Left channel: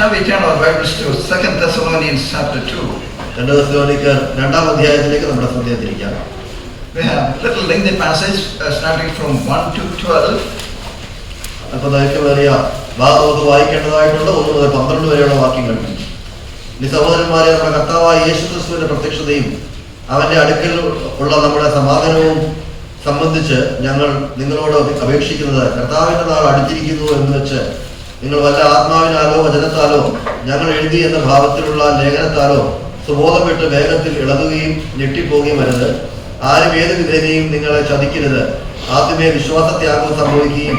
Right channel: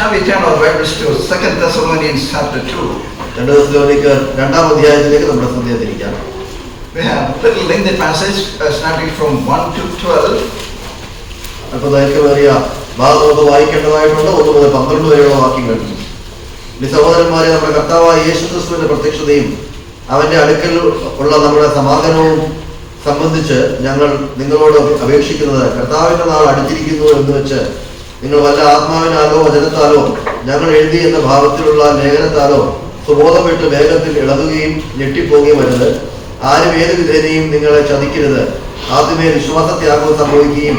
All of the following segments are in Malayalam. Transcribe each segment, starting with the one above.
Shall we turn our Bibles to 2 Thessalonians chapter 2? 2 തെസ്സലോനിക്കർ 2-ാം അധ്യായത്തിലേക്ക് നമ്മുടെ ശ്രദ്ധ തിരിക്കാം. We have a little lengthy passage starting from 1 to 12. അപ്പോൾ ദൈർഘ്യമേറിയ ഭാഗം നമുക്ക് വായിക്കേണ്ടതായിട്ടുണ്ട്. 1 മുതൽ 12 വരെയുള്ള വാക്യങ്ങൾ. ഈ സഹോദരന്മാരെ, നമ്മുടെ കർത്താവായ യേശുക്രിസ്തുവിന്റെ പ്രത്യക്ഷതയും അവന്റെ അടുക്കൽ ഉള്ള നമ്മുടെ സമാഗമവും സംബന്ധിച്ച് ഞങ്ങൾ നിങ്ങളോട് അപേക്ഷിക്കുന്നത്, കർത്താവിന്റെ നാൾ അടുത്തിരിക്കുന്നു എന്ന് വെച്ച് നിങ്ങൾ വല്ല ആത്മാവിനാലോ വചനത്താലോ ഞങ്ങൾ എഴുതി എന്ന ഭാവത്തിലുള്ള ലേഖനത്താലോ സുബോധം വിട്ട് വേഗത്തിൽ ഇളകുകയും ഞെട്ടിപ്പോകുകയും വരുന്നത്. ആരും ഏത് വിധേനയും നിങ്ങളെ ചതിക്കരുത്. ആദ്യമേ വിശ്വാസത്യാഗം സംഭവിക്കുകയും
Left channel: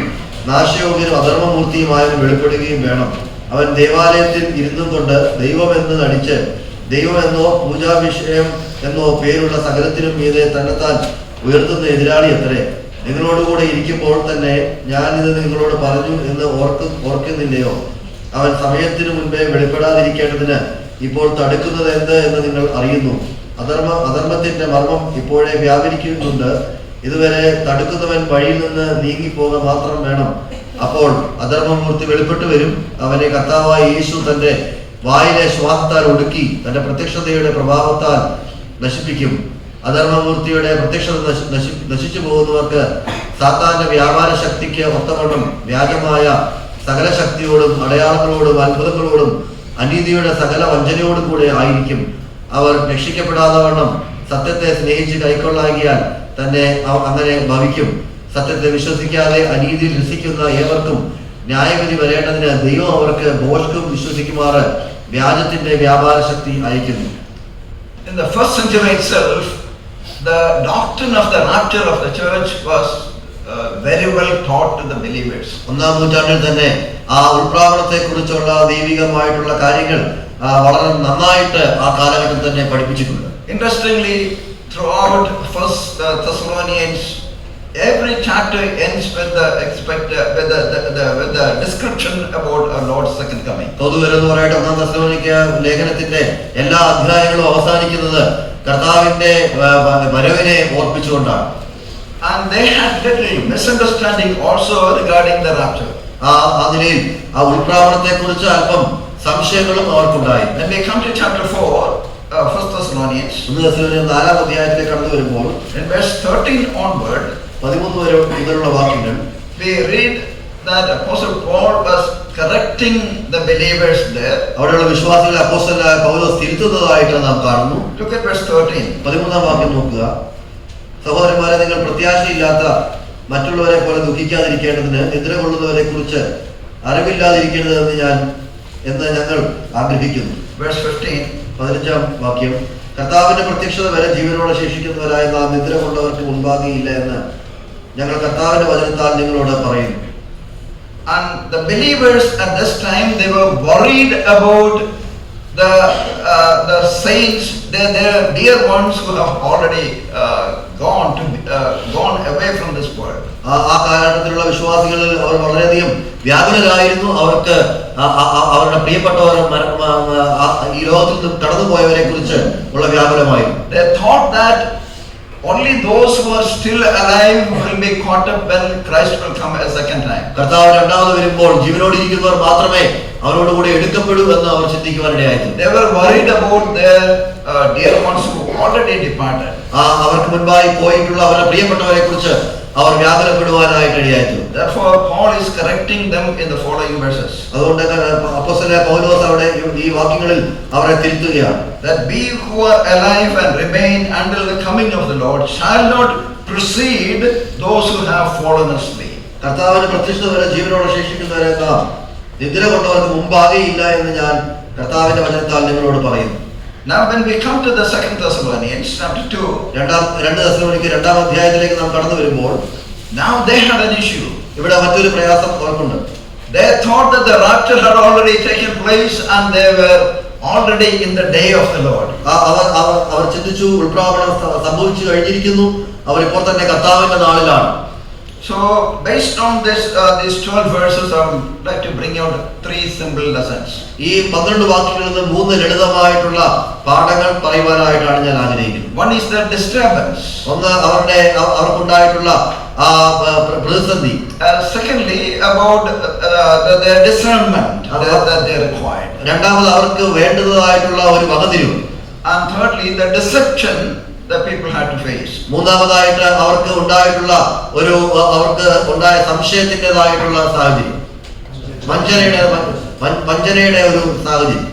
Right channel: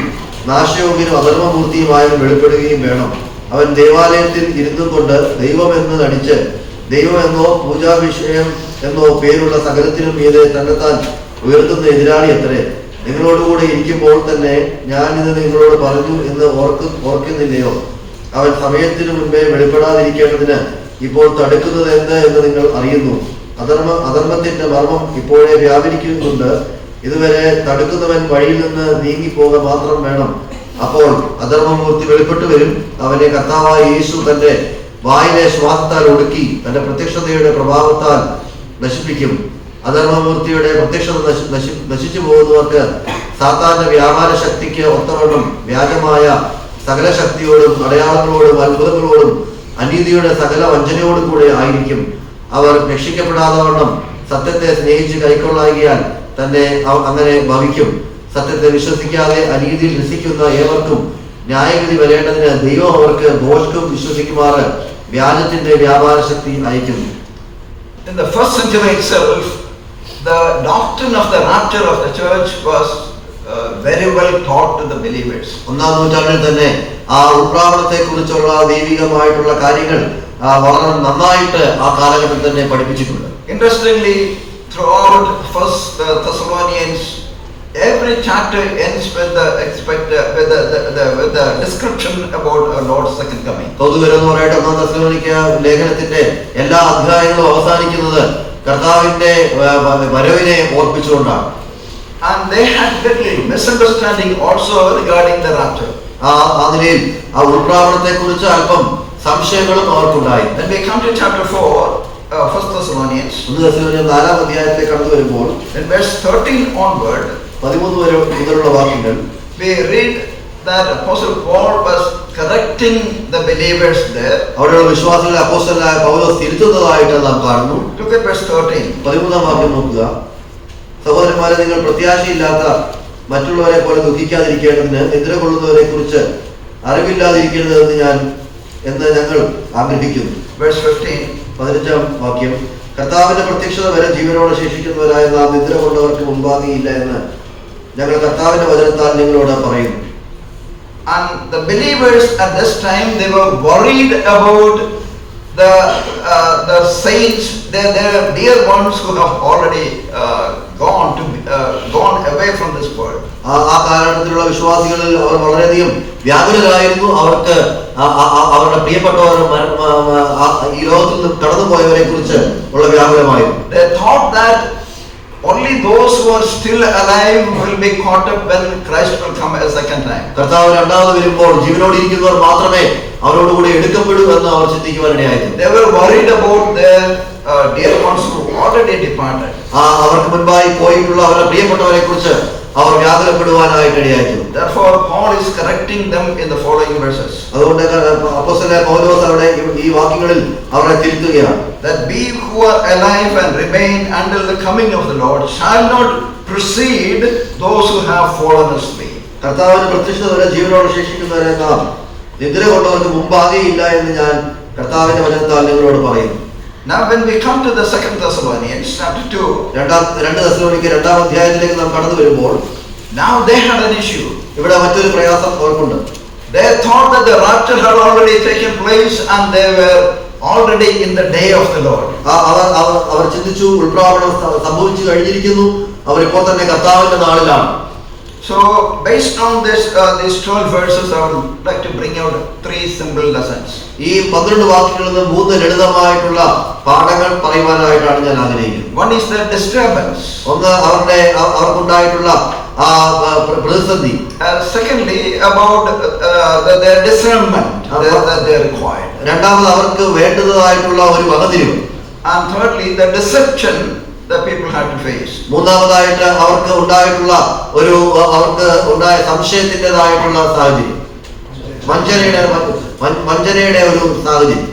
നാശയോഗ്യനും അധർമ്മമൂർത്തിയുമായവൻ വെളിപ്പെടുകയും വേണം. അവൻ ദേവാലയത്തിൽ ഇരുന്നും കൊണ്ട് ദൈവമെന്ന് നടിച്ച് ദൈവമെന്നോ പൂജാവിഷയം എന്നോ പേരുള്ള സകലത്തിനും മീതെ തന്നെത്താൻ ഉയർത്തുന്ന എതിരാളി അത്രേ. നിങ്ങളോടുകൂടെ ഇരിക്കുമ്പോൾ തന്നെ ഞാനിത് നിങ്ങളോട് പറഞ്ഞു എന്ന് ഓർക്കുന്നില്ലയോ? അവൻ സമയത്തിനു മുൻപേ വെളിപ്പെടാതിരിക്കേണ്ടതിന് ഇപ്പോൾ തടുക്കുന്നത് എന്ത് എന്ന് നിങ്ങൾ അറിയുന്നു. അധർമ്മത്തിന്റെ മർമ്മം ഇപ്പോഴേ വ്യാപരിക്കുന്നുണ്ട്. ഇതുവരെ തടുക്കുന്നവൻ വഴിയിൽ നിന്ന് നീങ്ങിപ്പോക മാത്രം വേണം. അപ്പോൾ അധർമ്മമൂർത്തി വെളിപ്പെട്ടു വരും. അവനെ കർത്താവായ യേശു തന്റെ വായിലെ ശ്വാസത്താൽ ഒടുക്കി തന്റെ പ്രത്യക്ഷതയുടെ പ്രഭാവത്താൽ നശിപ്പിക്കും. അധർമ്മമൂർത്തിയുടെ പ്രത്യക്ഷത നശിച്ചു പോകുന്നവർക്ക് സാത്താന്റെ വ്യാപാര ശക്തിക്ക് ഒത്തവണ്ണം വ്യാജമായ സകല ശക്തിയോടും അടയാളങ്ങളോടും അത്ഭുതങ്ങളോടും അനീതിയുടെ സകല വഞ്ചനയോടും കൂടെ ആയിരിക്കും. അവർ രക്ഷിക്കപ്പെടാതവണ്ണം സത്യത്തെ സ്നേഹിച്ച് കൈക്കൊള്ളാകിയാൽ തന്നെ അങ്ങനെ ഭവിക്കും. സത്യത്തെ വിശ്വസിക്കാതെ അനീതിയിൽ രസിക്കുന്ന ഏവർക്കും ന്യായവിധി വരേണ്ടതിന് ദൈവം അവർക്ക് ഭോഷ്കും വിശ്വസിക്കുമാറ് വ്യാജത്തിന്റെ വ്യാപാര ശക്തി അയക്കുന്നു. In the first century itself, the doctrine of the rapture of the church was very well taught to the believers. 1-ാം നൂറ്റാണ്ടിൽ തന്നെ ആ ഉൾപ്രാവണത്തെ കുറിച്ചുള്ള ദൈവികമായിട്ടുള്ള കാര്യങ്ങൾ വളരെ നന്നായിട്ട് ആ കാലഘട്ടത്തിൽ തന്നെ പഠിപ്പിച്ചിട്ടുണ്ട്. Interestingly, throughout 1 Thessalonians, every chapter ends with the description about our Lord's second coming. എന്ന് പറയട്ടെ, 1-ാം തെസ്സലോനിക്ക ലേഖനത്തിന്റെ എല്ലാ അധ്യായങ്ങളും അവസാനിക്കുന്നത് കർത്താവിന്റെ വരവിനെ ഓർപ്പിച്ചുകൊണ്ടാണ്. And they had little misunderstanding also regarding the rapture. അതിൽ ആ ഉൾപ്രാവണത്തെ കുറിച്ച് അല്പം സംശയങ്ങളും അവർക്കുണ്ടായി. When we come to chapter 4, 1 Thessalonians, 1 തെസ്സലോനിക്ക 4-ാം അധ്യായത്തിലേക്ക് കടന്നു വരുമ്പോൾ in verse 13 onward, 13 വരെ മുതലുള്ള വാക്യങ്ങൾ we read that Apostle Paul was correcting the believers there. അവിടെയുള്ള വിശ്വാസികളെ അപ്പോസ്തലനായ പൗലോസ് തിരുത്തുന്നതായിട്ട് നാം കാണുന്നു. Look at verse 13. 13-ാം വാക്യം നോക്കുക. സഹോദരന്മാരെ, നിങ്ങൾ പ്രത്യാശയില്ലാത്ത മറ്റുള്ളവരെ പോലെ ദുഃഖിക്കാതിരിക്കേണ്ടതിന് നിദ്ര കൊള്ളുന്നവരെ കുറിച്ച് അറിവില്ലാതിരിക്കേണ്ടതെന്ന് ഞങ്ങൾ ആഗ്രഹിക്കുന്നു. Verse 15. 15-ാം വാക്യം. കർത്താവിന്റെ പ്രത്യക്ഷത വരെ ജീവനോടെ ശേഷിക്കുന്നവരായ നാം നിദ്ര കൊണ്ടവർക്ക് മുൻപാകെയില്ല എന്ന് ഞങ്ങൾ കർത്താവിന്റെ വചനത്താൽ നിങ്ങളോട് പറയുന്നു. And the believers at this time, they were worried about the saints, their dear ones who have already gone away from this world. ആ കാലഘട്ടത്തിലുള്ള വിശ്വാസികളിൽ അവർ വളരെയധികം വ്യാകുലരായിരുന്നു. അവർക്ക് അവരുടെ പ്രിയപ്പെട്ടവർ ഈ ലോകത്തിൽ നിന്ന് കടന്നുപോയവരെ കുറിച്ച് ഉള്ള വ്യാകുലമായിരുന്നു. They thought that only those who are still alive will be caught up when Christ will come a second time. കർത്താവ് രണ്ടാമത് വരുമ്പോൾ ജീവനോടെ ഇരിക്കുന്നവർ മാത്രമേ അവരോടുകൂടി എടുക്കപ്പെടൂ എന്ന് അവർ ചിന്തിക്കുവാനിടയായിരുന്നു. They were worried about their dear ones who already departed. അവർക്ക് മുൻപായി പോയിട്ടുള്ള അവരുടെ പ്രിയപ്പെട്ടവരെ കുറിച്ച് അവർ വ്യാകുലപ്പെടുവാനായിട്ട് ഇടയായിരുന്നു. Therefore Paul is correcting them in the following verses. അതുകൊണ്ട് അപ്പോസ്തലനായ പൗലോസ് അവിടെ ഈ വാക്യങ്ങളിൽ അവരെ തിരുത്തുകയാണ്. That we who are alive and remain until the coming of the Lord shall not precede those who have fallen asleep. കർത്താവിന്റെ പ്രത്യക്ഷത വരെ ജീവനോടെ ശേഷിക്കുന്നവരെ നാം നിദ്ര കൊണ്ടവർക്ക് മുമ്പാകെയില്ല എന്ന് ഞാൻ കർത്താവിന്റെ വചനത്താൽ നിങ്ങളോട് പറയുന്നു. Now when we come to the 2 Thessalonians chapter 2, 2 തെസ്സലോനിക്ക 2-ാം അധ്യായത്തിലേക്ക് നാം കടന്നു വരുമ്പോൾ now they had an issue. ഇവിടെ മറ്റൊരു പ്രയാസം അവർക്കുണ്ട്. They thought that the rapture had already taken place and they were already in the day of the Lord. അവർ ചിന്തിച്ചു, ഉൾപ്രാവണം സംഭവിച്ചു കഴിഞ്ഞിരിക്കുന്നു, അവർ ഇപ്പോൾ തന്നെ കർത്താവിന്റെ നാളിലാണ്. So, based on these 12 verses, I would like to bring out 3 simple lessons. ഈ 12 വാക്യങ്ങളിൽ നിന്ന് 3 ലളിതമായിട്ടുള്ള പാഠങ്ങൾ പറയുവാനായിട്ടാണ് ഞാൻ ആഗ്രഹിക്കുന്നത്. One is the disturbance. ഒന്ന് അവർക്കുണ്ടായിട്ടുള്ള പ്രതിസന്ധി. Secondly, about their discernment that they required. രണ്ടാമത് അവർക്ക് വേണ്ടതായിട്ടുള്ള ഒരു വകതിരിവ്. And thirdly, the deception that people had to face. മൂന്നാമതായിട്ട് അവർക്ക് ഉണ്ടായിട്ടുള്ള സംശയത്തിൻ്റെതായിട്ടുള്ള സാഹചര്യം, വഞ്ചനയുടെ ഒരു സാഹചര്യം.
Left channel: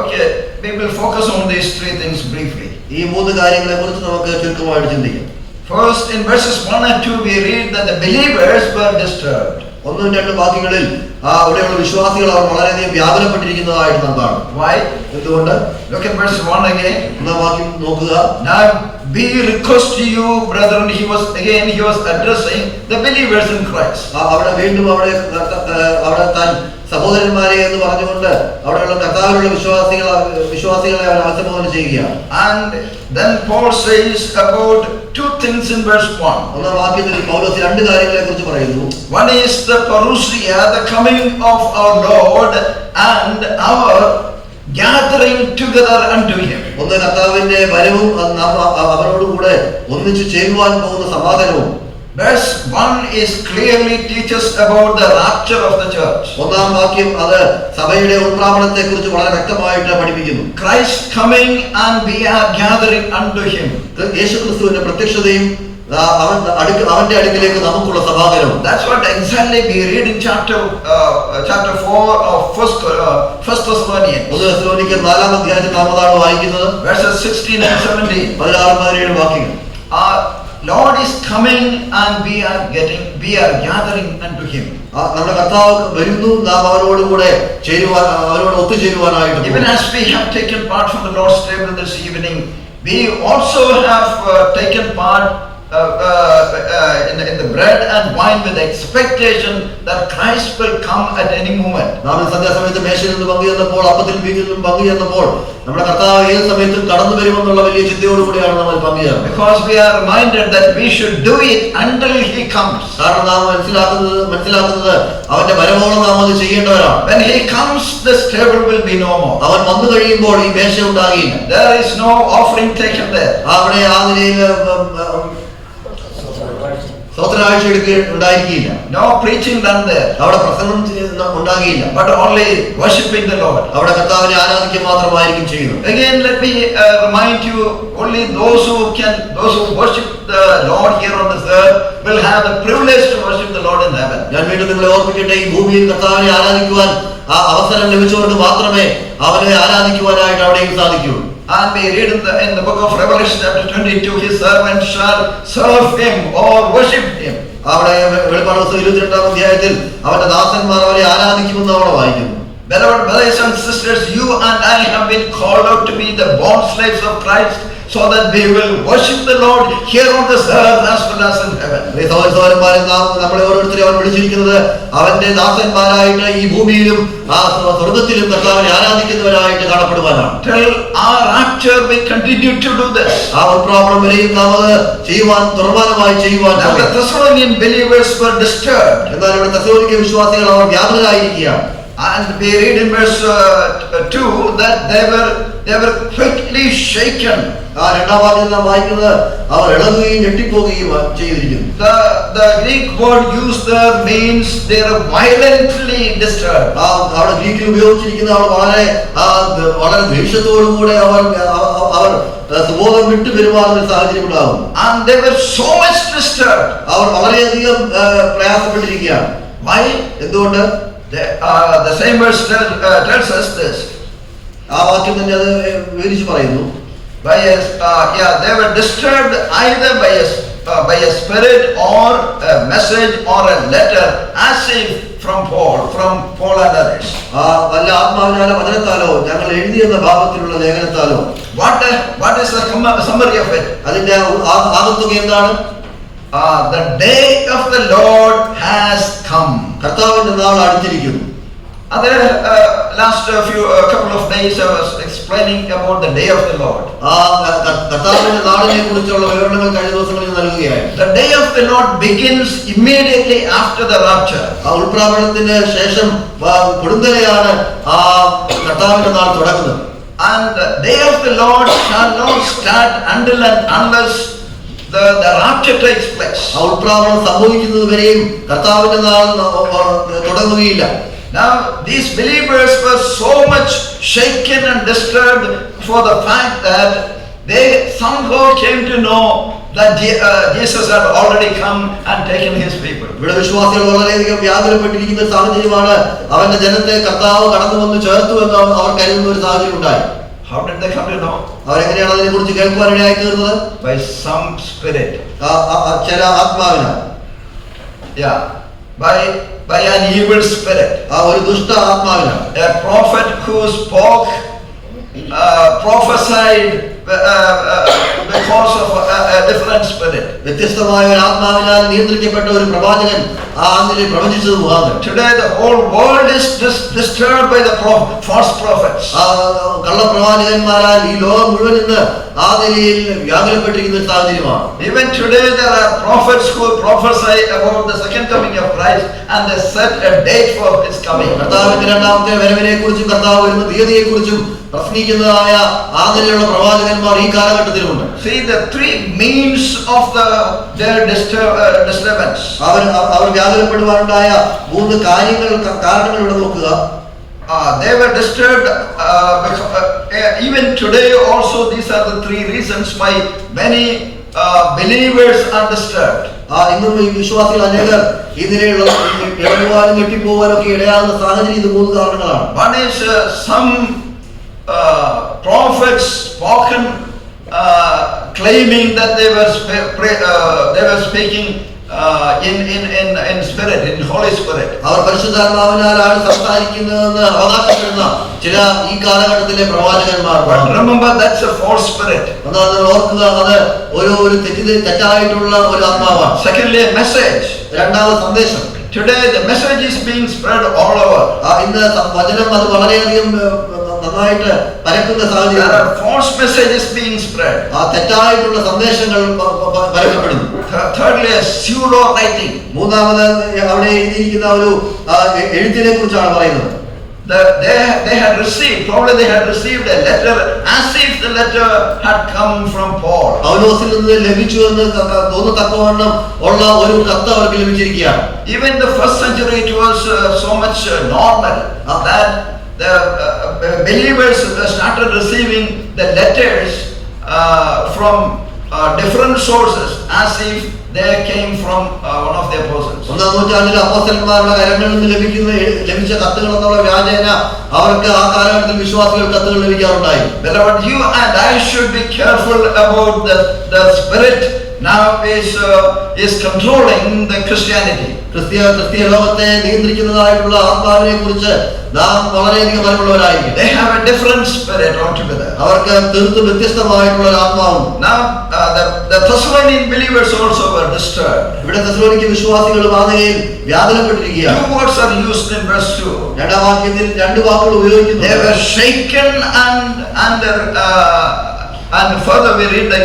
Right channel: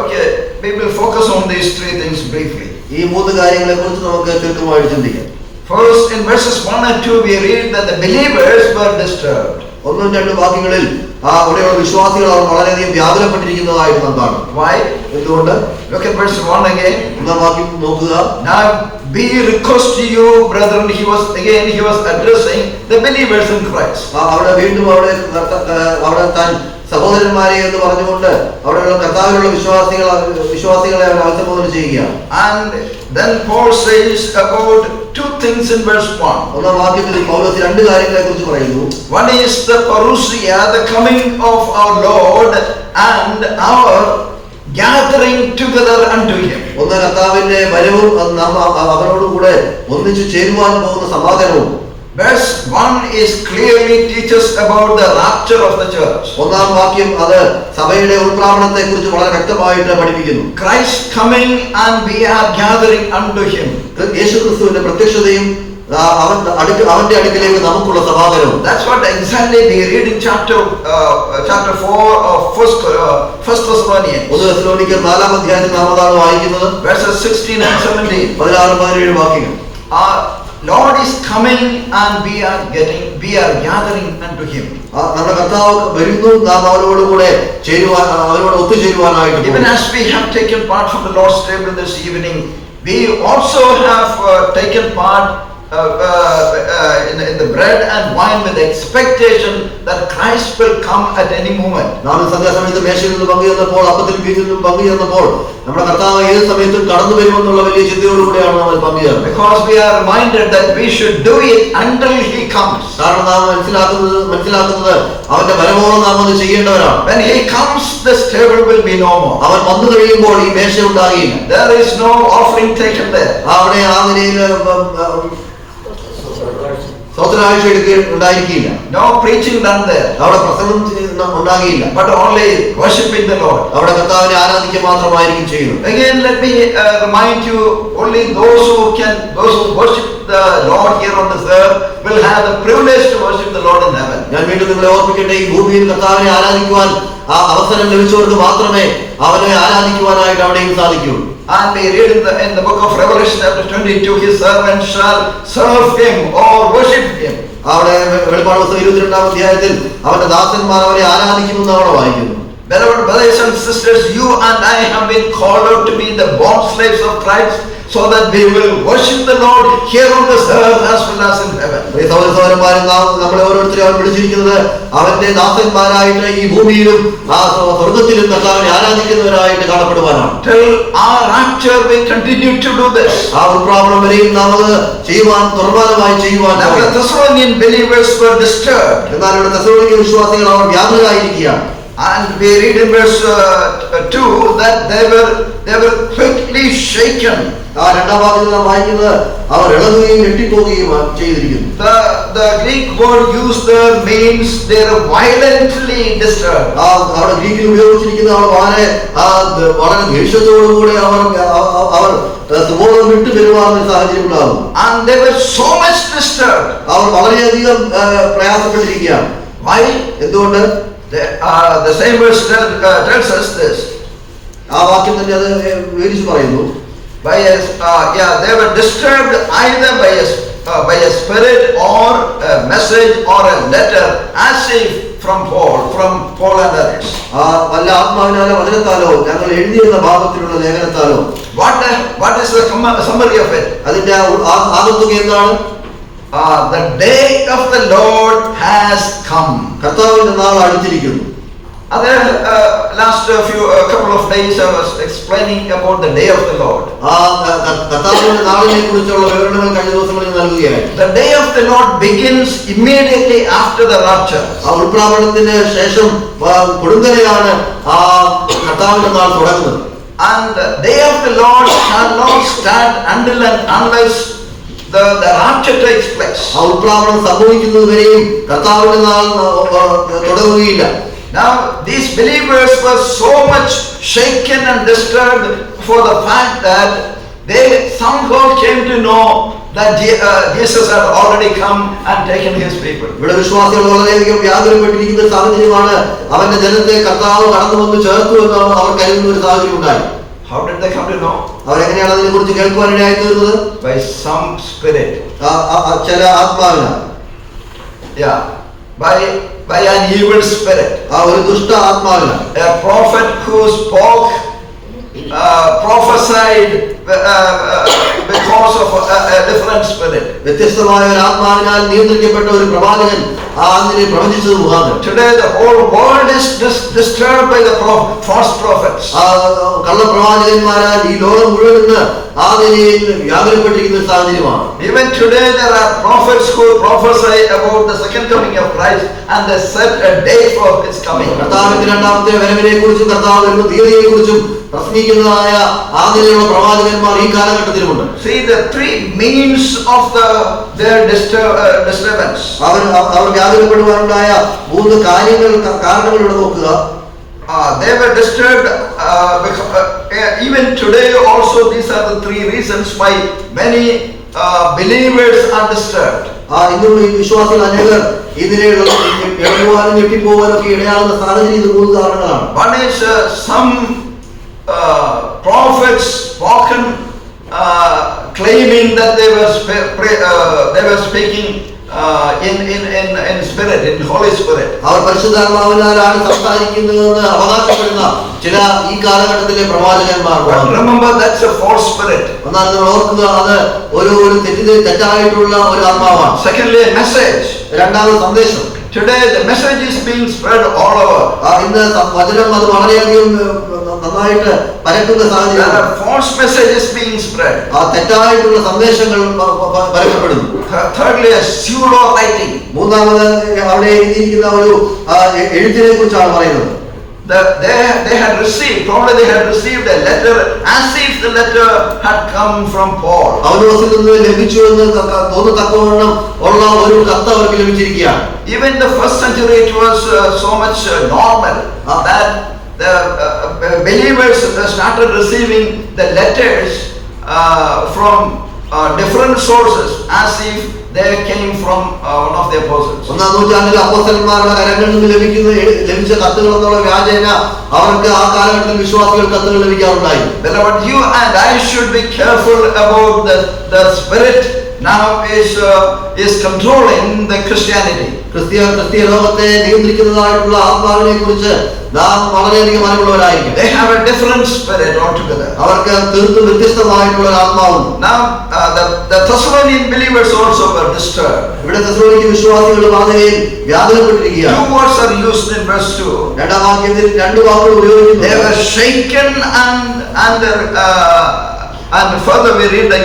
Okay, we will focus on these 3 things briefly. ഈ 3 കാര്യങ്ങളെ കുറിച്ച് നമുക്ക് ചുരുക്കമായിട്ട് ചിന്തിക്കാം. First, in verses 1 and 2, we read that the believers were disturbed. 1-2 വാക്യങ്ങളിൽ അവിടെയുള്ള വിശ്വാസികൾ അവർ വളരെയധികം വ്യാകുലപ്പെട്ടിരിക്കുന്നതായിട്ട് നാം കാണും. Why? എന്തുകൊണ്ട്? Look at verse 1 again. 1-ാം വാക്യം നോക്കുക. Now we request to you, brethren, he was addressing the believers in Christ. അവിടെ വീണ്ടും അവിടെ താൻ സഹോദരന്മാരെ എന്ന് പറഞ്ഞുകൊണ്ട് അവിടെയുള്ള കർത്താവിലുള്ള വിശ്വാസികളെ അവർ അഭിസംബോധന ചെയ്യുകയാണ്. And then Paul says about 2 things in verse 1. 1-ാം വാക്യത്തിൽ പൗലോസ് 2 കാര്യങ്ങളെ കുറിച്ച് പറയുന്നു. One is the parousia, the coming of our Lord, and our gathering together unto him. ഒന്ന് കർത്താവിന്റെ വരവും അവരോടുകൂടെ ഒന്നിച്ചു ചേരുവാൻ പോകുന്ന സമാധാനവും. Verse 1 is clearly teaches about the rapture of the church. 1-ാം വാക്യം അത് സഭയുടെ ഉത്പ്രാവണത്തെ കുറിച്ച് വളരെ വ്യക്തമായിട്ട് പഠിപ്പിക്കുന്നു. Christ coming and we are gathering unto him. യേശുക്രിസ്തുവിന്റെ പ്രത്യക്ഷതയും അവന്റെ അടുക്കിലേക്ക് നമുക്കുള്ള സമാഗമനവും. That's what exactly we read in chapter 4 of First Thessalonians. 1 തെസ്സലോനിക്കർ 4-ാം അധ്യായത്തിൽ നാം അതാണ് വായിക്കുന്നത്. Verses 16 and 17. 16-17 വാക്യങ്ങൾ. Lord is coming and we are gathering unto him. നമ്മുടെ കർത്താവ് വരുന്നു, നാം അവരോടുകൂടെ അവരോട് ഒത്തുചേരുവാനായിട്ട്. Even as we have taken part from the Lord's table this evening, we also have taken part in the bread and wine with expectation that Christ will come at any moment. നാം സന്ധ്യാസമയത്ത് മേശയിൽ നിന്ന് പങ്കുചേർന്നപ്പോൾ, അപ്പത്തിൽ വീഞ്ഞിലും പങ്കുചേർന്നപ്പോൾ നമ്മുടെ കർത്താവ് ഏത് സമയത്തും കടന്നു വരുമെന്നുള്ള വലിയ ചിന്തയോടുകൂടിയാണ് നമ്മൾ പങ്കുചേർന്നത്. Because we are reminded that we should do it until he comes. കാരണം നാം മനസ്സിലാക്കുന്നത് അവന്റെ വരവോളം നാം അത് ചെയ്യേണ്ടവരാണ്. When he comes, this table will be no more. അവൻ വന്നു കഴിയുമ്പോൾ ഈ മേശ ഉണ്ടാകില്ല. There is no offering taken there. അവിടെ ആ നിലയിൽ സ്വതന്ത്രാഴ്ച ഉണ്ടായിരിക്കില്ല. No preaching done there. അവിടെ പ്രസംഗം ഉണ്ടാകില്ല. But only worshiping the Lord. അവിടെ കർത്താവിനെ ആരാധിക്കുക മാത്രമായിരിക്കും ചെയ്യുന്നത്. Again, let me remind you, only those who worship the Lord here on this earth will have the privilege to worship the Lord in heaven. ഞാൻ വീണ്ടും നിങ്ങളെ ഓർമ്മിക്കട്ടെ, ഈ ഭൂമിയിൽ കർത്താവിനെ ആരാധിക്കുവാൻ ആ അവസരം ലഭിച്ചവർക്ക് മാത്രമേ അവനെ ആരാധിക്കുവാനായിട്ട് അവിടെയും സാധിക്കൂ. And we read in the book of Revelation chapter 22, his servants shall serve him or worship him. അവിടെ വെളിപ്പാട് പുസ്തകം 22-ാം അധ്യായത്തിൽ അവന്റെ ദാസന്മാർ അവരെ ആരാധിക്കുമെന്ന് അവിടെ വായിക്കുന്നു. Beloved brothers and sisters, you and I have been called out to be the bond slaves of Christ, so that we will worship the Lord here on this earth as well as in heaven. സഹോദരന്മാരെ, നമ്മളെ ഓരോരുത്തരെയും അവൻ വിളിച്ചിരിക്കുന്നത് അവന്റെ ദാസന്മാരായിട്ട് ഈ ഭൂമിയിലും സ്വർഗത്തിലും കർത്താവിനെ ആരാധിക്കുന്നവരായിട്ട് കാണപ്പെടുവാനാണ്. Till our rapture we continue to do this. ആ ഉത്പ്രാവണം വരെയും നാം അത് ചെയ്യുവാൻ തുറമാനമായി ചെയ്യുവാൻ. The Thessalonian believers were disturbed. എന്നാൽ ഇവിടെ തെസ്സലോനിക്ക വിശ്വാസികൾ അവർ വ്യാകുലരായിരിക്കുകയാണ്. And we read in verse 2 that they were quickly shaken. ആ 2-ാം വാക്യത്തിൽ നാം വായിക്കുന്നത് അവർ ഇളകുകയും ഞെട്ടിപ്പോവുകയും ചെയ്തിരിക്കുന്നു. The Greek word used there means they are violently disturbed. അവിടെ ഗ്രീക്കിൽ ഉപയോഗിച്ചിരിക്കുന്ന വളരെ ദേഷ്യത്തോടുകൂടെ അവർ സുബോധം വിട്ടു പെരുമാറുന്ന സാഹചര്യം ഉണ്ടാകും. And they were so much disturbed. അവർ വളരെയധികം പ്രയാസപ്പെട്ടിരിക്കുകയാണ്. Why? എന്തുകൊണ്ട്? The same verse tells us this. ആ വാക്യം തന്നെ അത് വിവരിച്ച് പറയുന്നു. They were disturbed either by a spirit or a message or a letter, as if from Paul and others. വല്ല ആത്മാവിനാലോ വചനത്താലോ ഞങ്ങൾ എഴുതിയെന്ന ഭാഗത്തിലുള്ള ലേഖനത്താലോ. What is the summary of it? അതിന്റെ ആകത്തുക എന്താണ്? The day of the Lord has come. കർത്താവിന്റെ നാൾ അടുത്തിരിക്കുന്നു. Last couple of days I was explaining about the day of the Lord. ആ കർത്താവിന്റെ നാളിനെ കുറിച്ചുള്ള വിവരണങ്ങൾ കഴിഞ്ഞ ദിവസങ്ങളിൽ നൽകുകയായി. The day of the Lord begins immediately after the rapture. ആ ഉൾപ്രാവണത്തിന് ശേഷം കൊടുങ്കലയാണ് ആ കർത്താവിന്റെ നാൾ തുടങ്ങുന്നത്. And the day of the Lord shall not start until and unless the rapture takes place. ആ ഉൾപ്രാവണം സംഭവിക്കുന്നത് വരെയും കർത്താവിന്റെ നാൾ തുടങ്ങുകയില്ല. Now these believers were so much shaken and disturbed for the fact that they somehow came to know that Jesus had already come and taken his people. ഇവിടെ വിശ്വാസികൾ വളരെയധികം വ്യാകുലപ്പെട്ടിരിക്കുന്ന സാഹചര്യമാണ്. അവന്റെ ജനത്തെ കർത്താവ് കടന്നു വന്ന് ചേർത്തു എന്ന് അവർ കരുതുന്ന ഒരു സാഹചര്യം ഉണ്ടായി. How did they come to know? അവരെങ്ങനെയാണ് അതിനെ കുറിച്ച് കേൾക്കുവാനിടയായി തീർന്നത്? By some spirit. ചില ആത്മാവിനാൽ. Yeah, by an evil spirit. ആ ഒരു ദുഷ്ട ആത്മാവിനാൽ. A prophet who spoke, prophesied because of a different spirit. വ്യത്യസ്തമായ ഒരു ആത്മാവിനാൽ നിയന്ത്രിക്കപ്പെട്ട ഒരു പ്രവാചകൻ ആ നിലയിൽ പ്രവചിച്ചത് മുഖാന്തരം. Today the whole world is disturbed by the false prophets. കള്ളപ്രവാചകന്മാരാൽ ഈ ലോകം മുഴുവൻ ഇന്ന് ആ നിലയിൽ വ്യാകുലപ്പെട്ടിരിക്കുന്ന സാഹചര്യമാണ്. Even today there are prophets who prophesy about the second coming of Christ and they set a date for his coming. കർത്താവിന്റെ രണ്ടാമത്തെ വരവിനെ കുറിച്ചും കർത്താവ് വരുന്ന തീയതിയെ കുറിച്ചും പ്രസംഗിക്കുന്നതായ ആ നിലയിലുള്ള പ്രവാചകന്മാർ ഈ കാലഘട്ടത്തിലുമുണ്ട്. See the three means of their disturbance. അവർ വ്യാകുലപ്പെടുവാനുണ്ടായ മൂന്ന് കാരണങ്ങൾ ഇവിടെ നോക്കുക. They were disturbed even today also. These are the three reasons why many believers are disturbed. ഇന്നും ഈ വിശ്വാസികൾ അനേകർ ഇതിനെ ഇടങ്ങുവാനും ഞെട്ടിപ്പോവാനും ഒക്കെ ഇടയാകുന്ന സാഹചര്യം ഇത് മൂന്ന് കാരണങ്ങളാണ്. One is some prophets spoken claiming that they were speaking in spirit, in Holy Spirit. അവർ പരിശുദ്ധാത്മാവിനാലാണ് സംസാരിക്കുന്നതെന്ന് അവകാശപ്പെടുന്ന ചില ഈ കാലഘട്ടത്തിലെ പ്രവാചകന്മാർ. Remember, that's a false spirit. എന്നാൽ നിങ്ങൾ ഓർക്കുക, അത് ഒരു തെറ്റായിട്ടുള്ള ഒരു ആത്മാവാണ്. Secondly, a message. രണ്ടാമത് സന്ദേശം. Today the message is being spread all over. ഇന്ന് വചനം അത് വളരെയധികം നന്നായിട്ട് പരക്കുന്ന സാഹചര്യം. There are false messages being spread. തെറ്റായിട്ടുള്ള സന്ദേശങ്ങൾ പരക്കപ്പെടുന്നു. Thirdly, a pseudo writing. മൂന്നാമത് അവിടെ എഴുതിയിരിക്കുന്ന ഒരു എഴുത്തിനെ കുറിച്ചാണ് പറയുന്നത്. They had received a letter as if the letter had come from Paul. പൗലോസിൽ നിന്ന് ലഭിച്ചു എന്ന് തോന്നത്തക്കവണ്ണം ഉള്ള ഒരു കത്ത് അവർക്ക് ലഭിച്ചിരിക്കുകയാണ്. Even in the first century it was so much normal that the believers started receiving the letters from different sources as if they came from one of the apostles. ഒന്നാം നൂറ്റാണ്ടിൽ അപ്പോസ്തലന്മാരുടെ കരങ്ങളിൽ നിന്ന് ലഭിച്ച കത്തുകൾ എന്നുള്ള വ്യാജേന അവർക്ക് ആ കാലഘട്ടത്തിൽ വിശ്വാസികൾ കത്തുകൾ ലഭിക്കാറുണ്ടായി. Beloved, you and I should be careful about the spirit now is controlling the Christianity. ക്രിസ്തീയ ലോകത്തെ നിയന്ത്രിക്കുന്നതായിട്ടുള്ള ആത്മാവിനെ കുറിച്ച് നാം വളരെയധികം അറിവുള്ളവരായിരിക്കും. They have a different spirit altogether. അവർക്ക് തീർത്തും വ്യത്യസ്തമായിട്ടുള്ള ഒരു ആത്മാവുണ്ട്. Now the Thessalonian believers also were disturbed. ഇവിടെ തെസ്സലോനിക്ക വിശ്വാസികൾ വാതിലിൽ വ്യാകുലപ്പെട്ടിരിക്കുകയാണ്. Two words are used in verse 2. രണ്ടാം വാക്യത്തിൽ രണ്ട് വാക്കുകൾ ഉപയോഗിക്കുന്നു. They were shaken and further we read that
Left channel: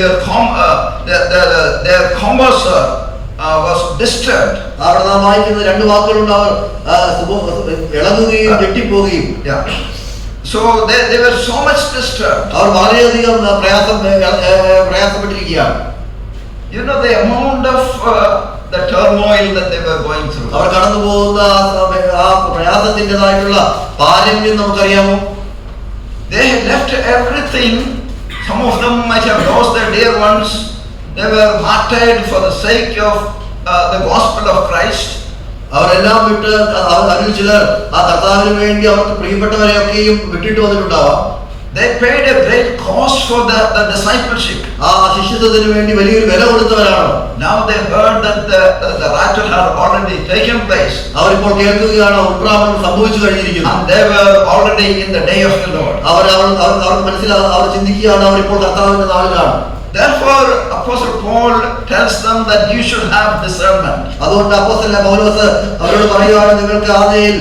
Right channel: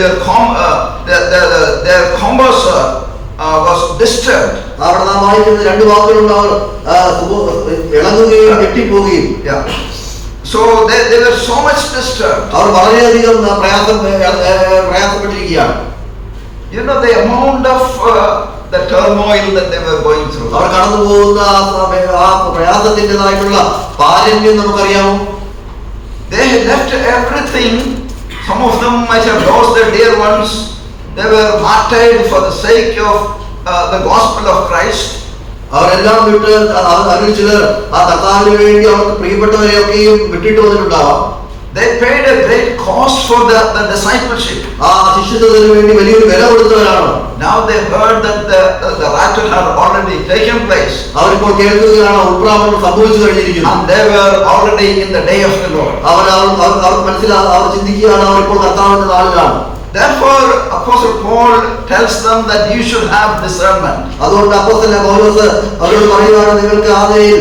their commerce was disturbed. അവിടെ നാം വായിക്കുന്ന രണ്ട് വാക്കുകളുണ്ട്. അവർ ഇളകുകയും ഞെട്ടിപ്പോവുകയും. So they were so much disturbed. അവർ വളരെയധികം പ്രയാസപ്പെട്ടിരിക്കുകയാണ്. You know the amount of the turmoil that they were going through. അവർ കടന്നു പോകുന്ന ആ പ്രയാസത്തിൻ്റെതായിട്ടുള്ള പാരമ്യം നമുക്കറിയാമോ. They had left everything. Some of them might have lost their dear ones. They were martyred for the sake of the gospel of Christ. അവരെല്ലാം വിട്ട് അതിൽ ചിലർ ആ കർത്താവിന് വേണ്ടി അവർക്ക് പ്രിയപ്പെട്ടവരെയൊക്കെയും വിട്ടിട്ട് വന്നിട്ടുണ്ടാവാം. They paid a great cost for the discipleship. ആ ശിഷ്യത്വത്തിന് വേണ്ടി വലിയൊരു വില കൊടുത്തവരാണ്. Now they heard that the rapture had already taken place. അവരിപ്പോൾ കേൾക്കുകയാണ് ഉൾപ്രാവണം സംഭവിച്ചു കഴിഞ്ഞിരിക്കുന്നു. And they were already in the day of the Lord. അവർ ചിന്തിക്കുകയാണ് അവരിപ്പോൾ കർത്താവിന്റെ നാളിലാണ്. Therefore, Apostle Paul tells them that you should have discernment. അതുകൊണ്ട് അപ്പോസ്തലൻ പൗലോസ് അവരോട് പറയുകയാണ്, നിങ്ങൾക്ക് ആദ്യം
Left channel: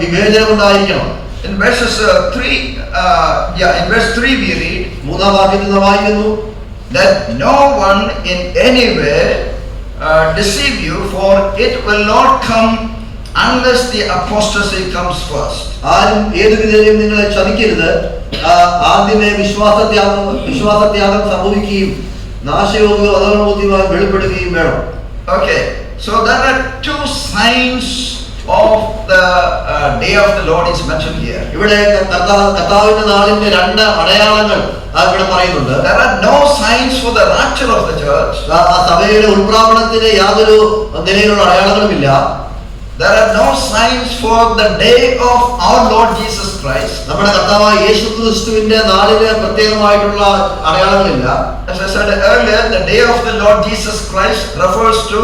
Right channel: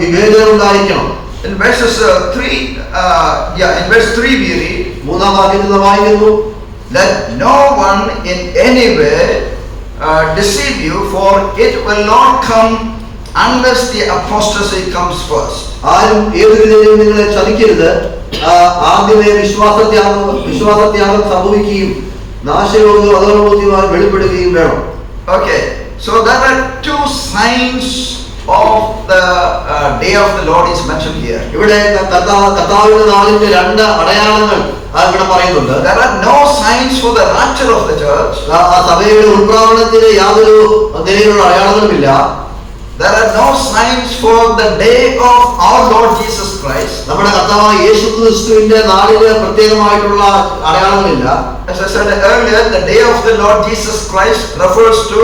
വിവേചനം ഉണ്ടായിരിക്കണം. In verses 3 we read, മൂന്നാം വാക്യത്തിൽ വായിക്കുന്നു, let no one in any way deceive you, for it will not come unless the apostasy comes first. ആരും ഏത് വിധേനയും നിങ്ങളെ ചതിക്കരുത്. ആദ്യമേ വിശ്വാസത്യാഗം സംഭവിക്കുകയും നാശയോഗ്യ അധർമ്മബുദ്ധിമാർ വെളിപ്പെടുകയും വേണം. Okay, so there are two signs of the day of the Lord is mentioned here. ഇവിടെ കർത്താവിന്റെ നാളിന്റെ രണ്ട് അടയാളങ്ങൾ ഇവിടെ പറയുന്നുണ്ട്. There are no signs for the rapture of the church. സഭയുടെ ഉൾപ്രാവണത്തിന് യാതൊരു നിലയിലുള്ള അടയാളങ്ങളുമില്ല. There are no signs for the day of our Lord Jesus Christ. നമ്മുടെ കർത്താവായ യേശുക്രിസ്തുവിന്റെ നാളിന് പ്രത്യേകമായിട്ടുള്ള അടയാളങ്ങളില്ല. As I said earlier, the day of the Lord Jesus Christ refers to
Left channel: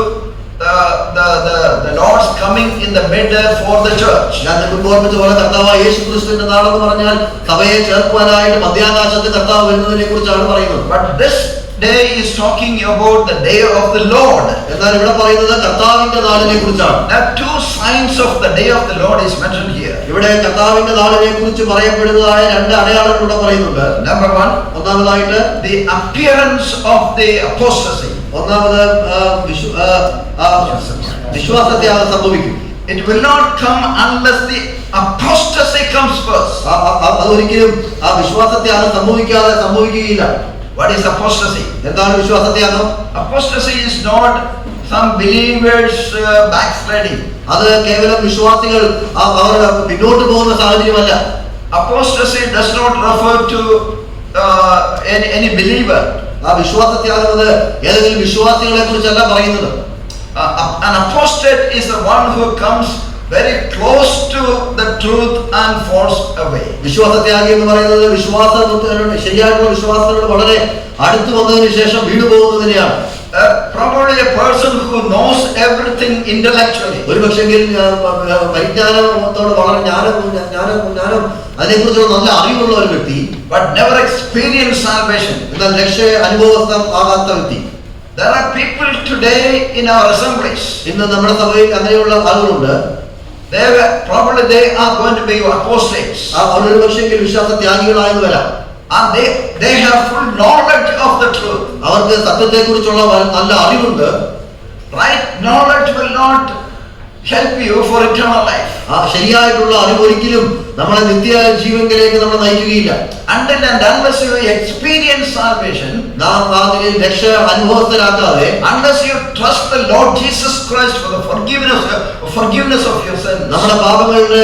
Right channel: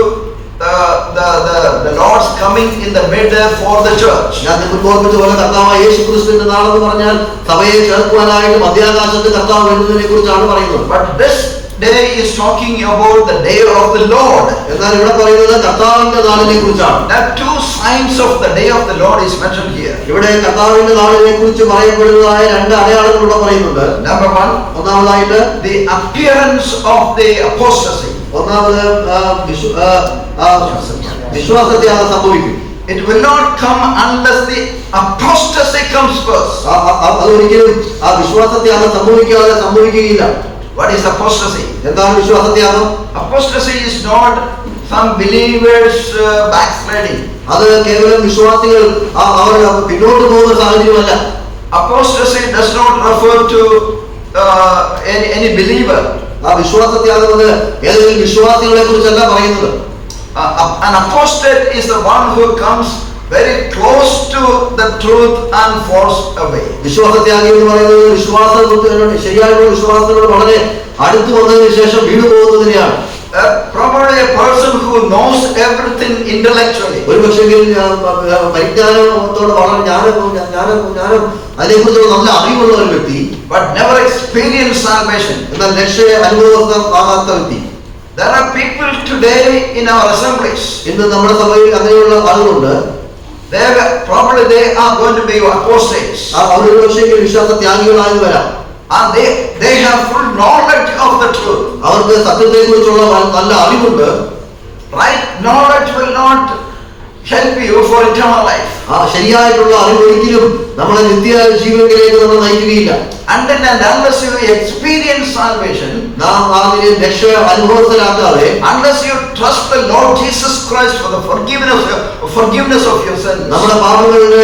the Lord's coming in the middle for the church. ഞാൻ നിങ്ങൾക്ക് ഓർമ്മിച്ചതുപോലെ കർത്താവായ യേശുക്രിസ്തുവിന്റെ നാളെന്ന് പറഞ്ഞാൽ സഭയെ ചേർക്കുവാനായിട്ട് മധ്യാകാശത്ത് കർത്താവ് വരുന്നതിനെ കുറിച്ചാണ് പറയുന്നത്. But this day is talking about the day of the Lord. എന്നാൽ ഇവിടെ പറയുന്നത് കർത്താവിന്റെ നാളിനെ കുറിച്ചാണ്. There are two signs of the day of the Lord is mentioned here. ഇവിടെ കർത്താവിന്റെ നാളിനെ കുറിച്ച് പറയപ്പെടുന്നതായ രണ്ട് അടയാളങ്ങൾ ഇവിടെ പറയുന്നുണ്ട്. Number one, ഒന്നാമതായിട്ട് the appearance of the apostasy. ഒന്നാമത് വിശ്വാസത്യാഗം സംഭവിക്കും. It will not come unless the apostasy comes first. അതൊരിക്കലും ആ വിശ്വാസത്യാഗം സംഭവിക്കുകയില്ല. What is apostasy? എന്താണ് വിശ്വാസത്യാഗം? Apostasy is not some believers backsliding. അത് കേവലം വിശ്വാസികൾ അവർ പിന്നോട്ട് പോകുന്ന സാഹചര്യമല്ല. Apostasy does not refer to any believer. ആ വിശ്വാസത്യാഗം അത് ഏതെങ്കിലും വിശ്വാസികളെ കുറിച്ചല്ല പറയുന്നത്. An apostate is the one who comes very close to the truth and falls away. വിശ്വാസത്യാഗി എന്ന് പറയുന്നത് ശരിയായിട്ടുള്ള വിശ്വാസത്തോട് വളരെ അടുത്ത് വന്നതിന് ശേഷം വീണു പോകുന്നതിനെയാണ്. Probably a person who knows everything intellectually. ഒരു പക്ഷെങ്കിൽ പരിജ്ഞാനത്തോട് വളരെ ജ്ഞാനം അതിനെക്കുറിച്ചുള്ള നല്ല അറിവുള്ള ഒരു വ്യക്തി, but never experienced salvation. എന്നാൽ രക്ഷ അനുഭവസ്ഥമാകാത്ത വ്യക്തി. There are people today in our assemblies. ഇന്ന് നമ്മുടെ സഭയിൽ അങ്ങനെയുള്ള ആളുകളുണ്ട്. Probably they are going to be apostates. അവരൊരു പക്ഷെങ്കിൽ വിശ്വാസത്യാഗികളായി വരാം. And they have full knowledge of the truth. അവർക്ക് സത്യത്തെ കുറിച്ചുള്ള നല്ല അറിവുണ്ട്. Right knowledge will not help you for eternal life. ശരിയായിട്ടുള്ള അറിവ് ഒരിക്കലും നമ്മളെ നിത്യ ജീവനിലേക്ക് നമ്മൾ നയിക്കുകയില്ല. Until and unless you experience salvation, നാം ആദ്യം രക്ഷ അനുഭവത്തിലാക്കാതെ, unless you trust the Lord Jesus Christ for the forgiveness of your sins, നമ്മുടെ പാപങ്ങളുടെ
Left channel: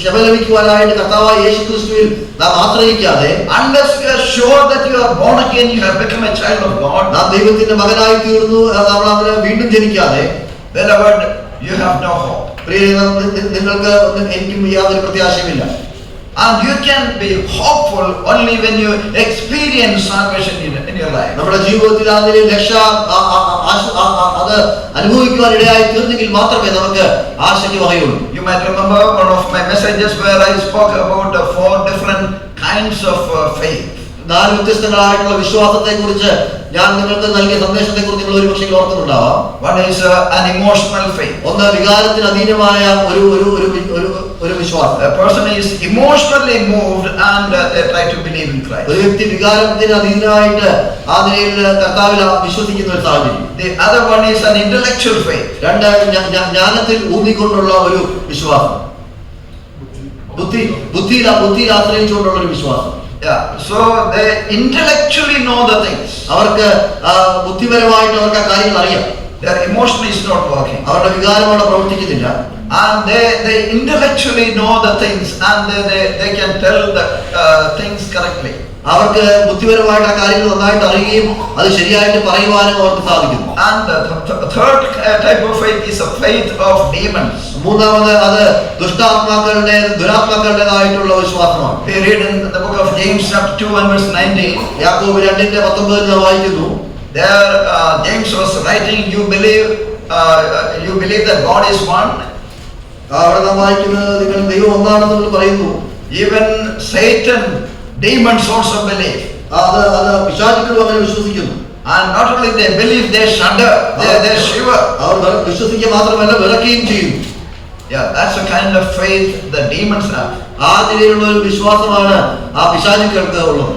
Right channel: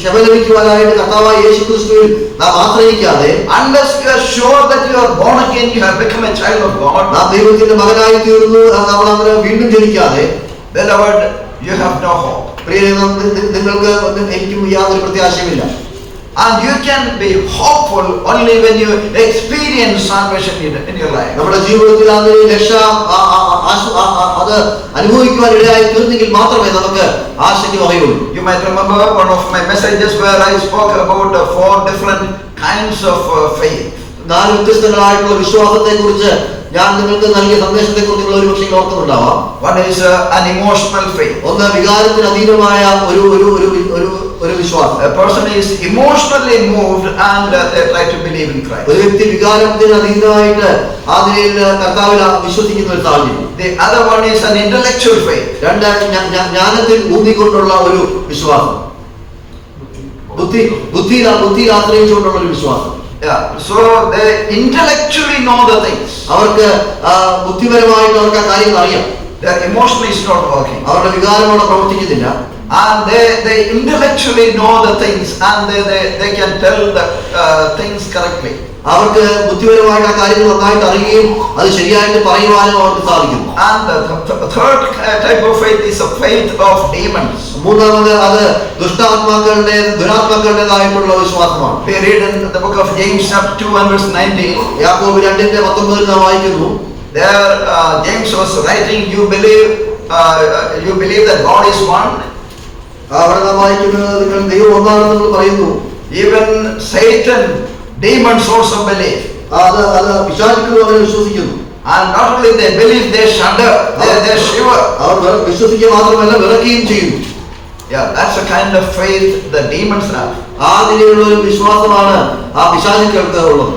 ക്ഷമ ലഭിക്കുവാനായിട്ട് കർത്താവായ യേശുക്രിസ്തുവിൽ നാം ആശ്രയിക്കാതെ, unless you are sure that you are born again, you have become a child of God, നാം ദൈവത്തിന്റെ മകനായി തീർന്നു, നമ്മൾ അങ്ങനെ വീണ്ടും ജനിക്കാതെ, beloved, you have no hope. നിങ്ങൾക്ക് എനിക്കും യാതൊരു പ്രത്യാശയുമില്ല. And you can be hopeful only when you experience salvation in your life. നമ്മുടെ ജീവിതത്തിൽ അതിനെ രക്ഷ അത് അനുഭവിക്കുവാൻ ഇടയായി തീർന്നെങ്കിൽ മാത്രമേ നമുക്ക് ആശയ്ക്ക് വകയുള്ളൂ. You might remember one of my messages where I spoke about 4 different kinds of faith. 4 വ്യത്യസ്തങ്ങളായിട്ടുള്ള വിശ്വാസത്തെ കുറിച്ച് ഞാൻ നിങ്ങൾക്ക് നൽകിയ സന്ദേശത്തെ കുറിച്ച് നിങ്ങൾ ഒരു പക്ഷേ ഓർക്കുന്നുണ്ടാവാം. One is an emotional faith. ഒന്ന് വികാരത്തിന് അധീനമായ ഒരു വിശ്വാസം. A person is emotionally moved and they try to believe in Christ. ഒരു വ്യക്തി വികാരത്തിന് അധീനമായിട്ട് ആ നിലയിൽ കർത്താവിൽ വിശ്വസിക്കുന്ന ഒരു സാഹചര്യം. The other one is an intellectual faith. ജ്ഞാനത്തിൽ ഊന്നിക്കൊണ്ടുള്ള ഒരു വിശ്വാസം. ബുദ്ധിയിൽ ആശ്രയിച്ചുകൊണ്ടുള്ള ഒരു വിശ്വാസം. Yeah, so they intellectually know the things. അവർക്ക് ബുദ്ധിപരമായിട്ട് അവർക്ക് ആ കാര്യങ്ങൾ അറിയാം. Their emotion is not working. അവരുടെ വികാരം അവിടെ പ്രവർത്തിക്കുന്നില്ല. And they intellectually know the things and they can tell the things correctly. അവർക്ക് ബുദ്ധിപരമായിട്ട് ആ കാര്യങ്ങൾ നന്നായിട്ട് അറിയുകയും അത് ശരിയായിട്ട് പറയുവാനും അവർക്ക് സാധിക്കുന്നു. And the third type of faith is a faith of demons. മൂന്നാമത് അത് ദുരാത്മാക്കളുടേതായിട്ടുള്ള വിശ്വാസമാണ്. We read in the book of James chapter 2 and verse 19. യാക്കോബ് 2:19 നാം വായിക്കുന്നു. There James was writing, you believe that God is one. അവിടെ നാം വായിക്കുന്നത് നിങ്ങൾ ദൈവം ഒന്നാണെന്ന് പറയുന്നു. Even Satan, demons also believe. അത് പിശാചുക്കളും അങ്ങനെ വിശ്വസിക്കുന്നു. And not only they believe, they shudder, they shiver. അവർ വിശ്വസിക്കുക മാത്രമല്ല വിറക്കുകയും ചെയ്യുന്നു. Yeah, that's the kind of faith the demons have. ആ നിലയിലുള്ള ഒരു വിശ്വാസമാണ് ആ പിശാചുക്കൾക്ക് ഉള്ളത്.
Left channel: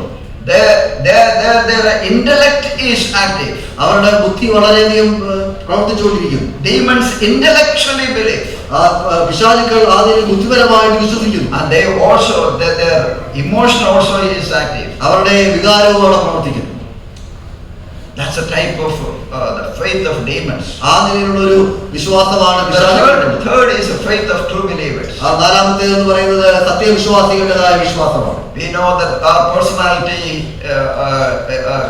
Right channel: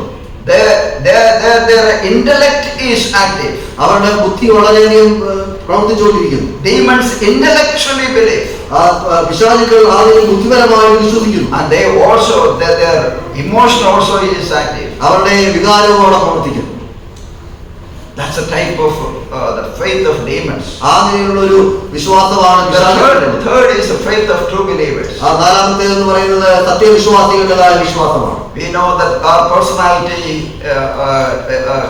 Their intellect is active. അവരുടെ ബുദ്ധി വളരെയധികം പ്രവർത്തിച്ചുകൊണ്ടിരിക്കുന്നു. Demons intellectually believe. പിശാചുക്കൾ അതിൽ ബുദ്ധിപരമായിട്ട് വിശ്വസിക്കുന്നു. And they also, their emotion also is active. അവരുടെ വികാരവും അവിടെ പ്രവർത്തിക്കുന്നു. That's a type of the faith of demons. ആ നിലയിലുള്ള ഒരു വിശ്വാസമാണ് പിശാചുക്കളുടെ. Third is the faith of true believers. നാലാമത്തേത് എന്ന് പറയുന്നത് സത്യവിശ്വാസികളുടേതായ വിശ്വാസമാണ്. We know that our personality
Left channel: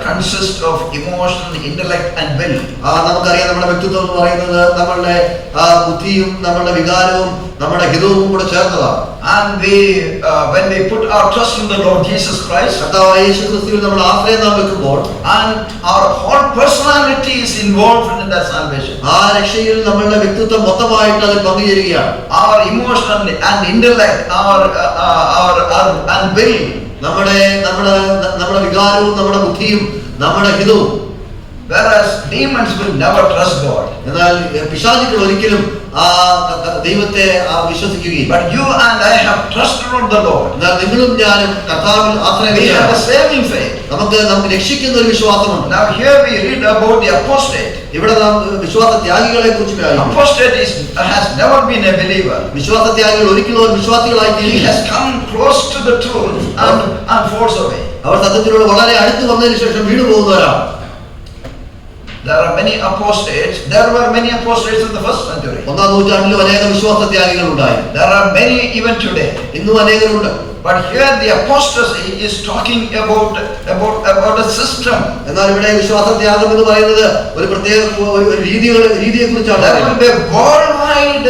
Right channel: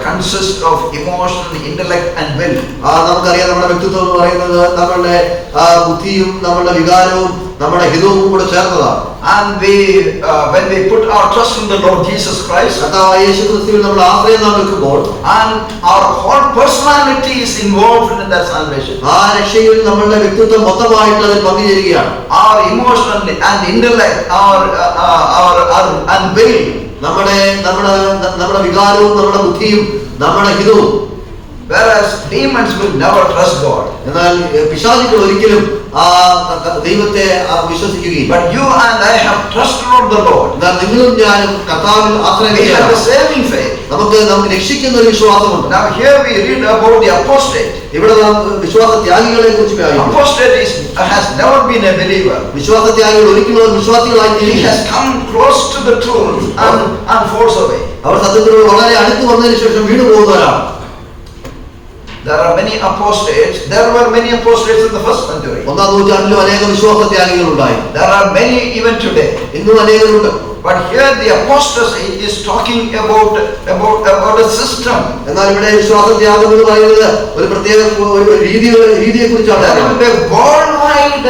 consists of emotion, intellect and will. നമുക്കറിയാം നമ്മുടെ വ്യക്തിത്വം എന്ന് പറയുന്നത് നമ്മളുടെ ബുദ്ധിയും നമ്മുടെ വികാരവും നമ്മുടെ ഹിതവും കൂടെ ചേർന്നതാണ്. And when we put our trust in the Lord Jesus Christ, കർത്താവായ യേശു ക്രിസ്തുവിൽ നമ്മൾ ആശ്രയം നാം വെക്കുമ്പോൾ, and our whole personality is involved in that salvation. ആ രക്ഷയിൽ നമ്മളുടെ വ്യക്തിത്വം മൊത്തമായിട്ട് അതിൽ പങ്കുചേരുകയാണ്. Our emotion and intellect, and will, നമ്മുടെ വികാരവും നമ്മുടെ ബുദ്ധിയും നമ്മുടെ ഹിതവും. Whereas demons will never trust God. എന്നാൽ പിശാചുക്കൾ ഒരിക്കലും ദൈവത്തെ വിശ്വസിക്കുകയില്ല. But you and I have trusted on the Lord. എന്നാൽ നിങ്ങളും ഞാനും കർത്താവിൽ ആശ്രയം We have a saving faith. നമുക്ക് രക്ഷിക്കുന്ന ഒരു വിശ്വാസമുണ്ട്. Now here we read about the apostate. ഇവിടെ നാം വിശ്വാസ ത്യാഗികളെ കുറിച്ച് പറയുന്നു. Apostate has never been a believer. വിശ്വാസ ത്യാഗികൾ ഒരിക്കലും വിശ്വാസികളായി He has come close to the truth and falls away. അവർ സത്യത്തിനോട് വളരെ അടുത്ത് വന്നതിന് ശേഷം വീണു പോകുന്നവരാണ്. There are many apostates. There were many apostates in the first century. ഒന്നാം നൂറ്റാണ്ടിലും അനേക വിശ്വാസ ത്യാഗികൾ ഉണ്ടായി. There are many even today. ഇന്നും അനേകരുണ്ട്. But here the apostasy is talking about a system. എന്നാൽ ഇവിടെ വിശ്വാസ ത്യാഗം എന്ന് പറയുന്നത് ഒരു പ്രത്യേക ഒരു രീതിയെ കുറിച്ചാണ്. There will be a worldwide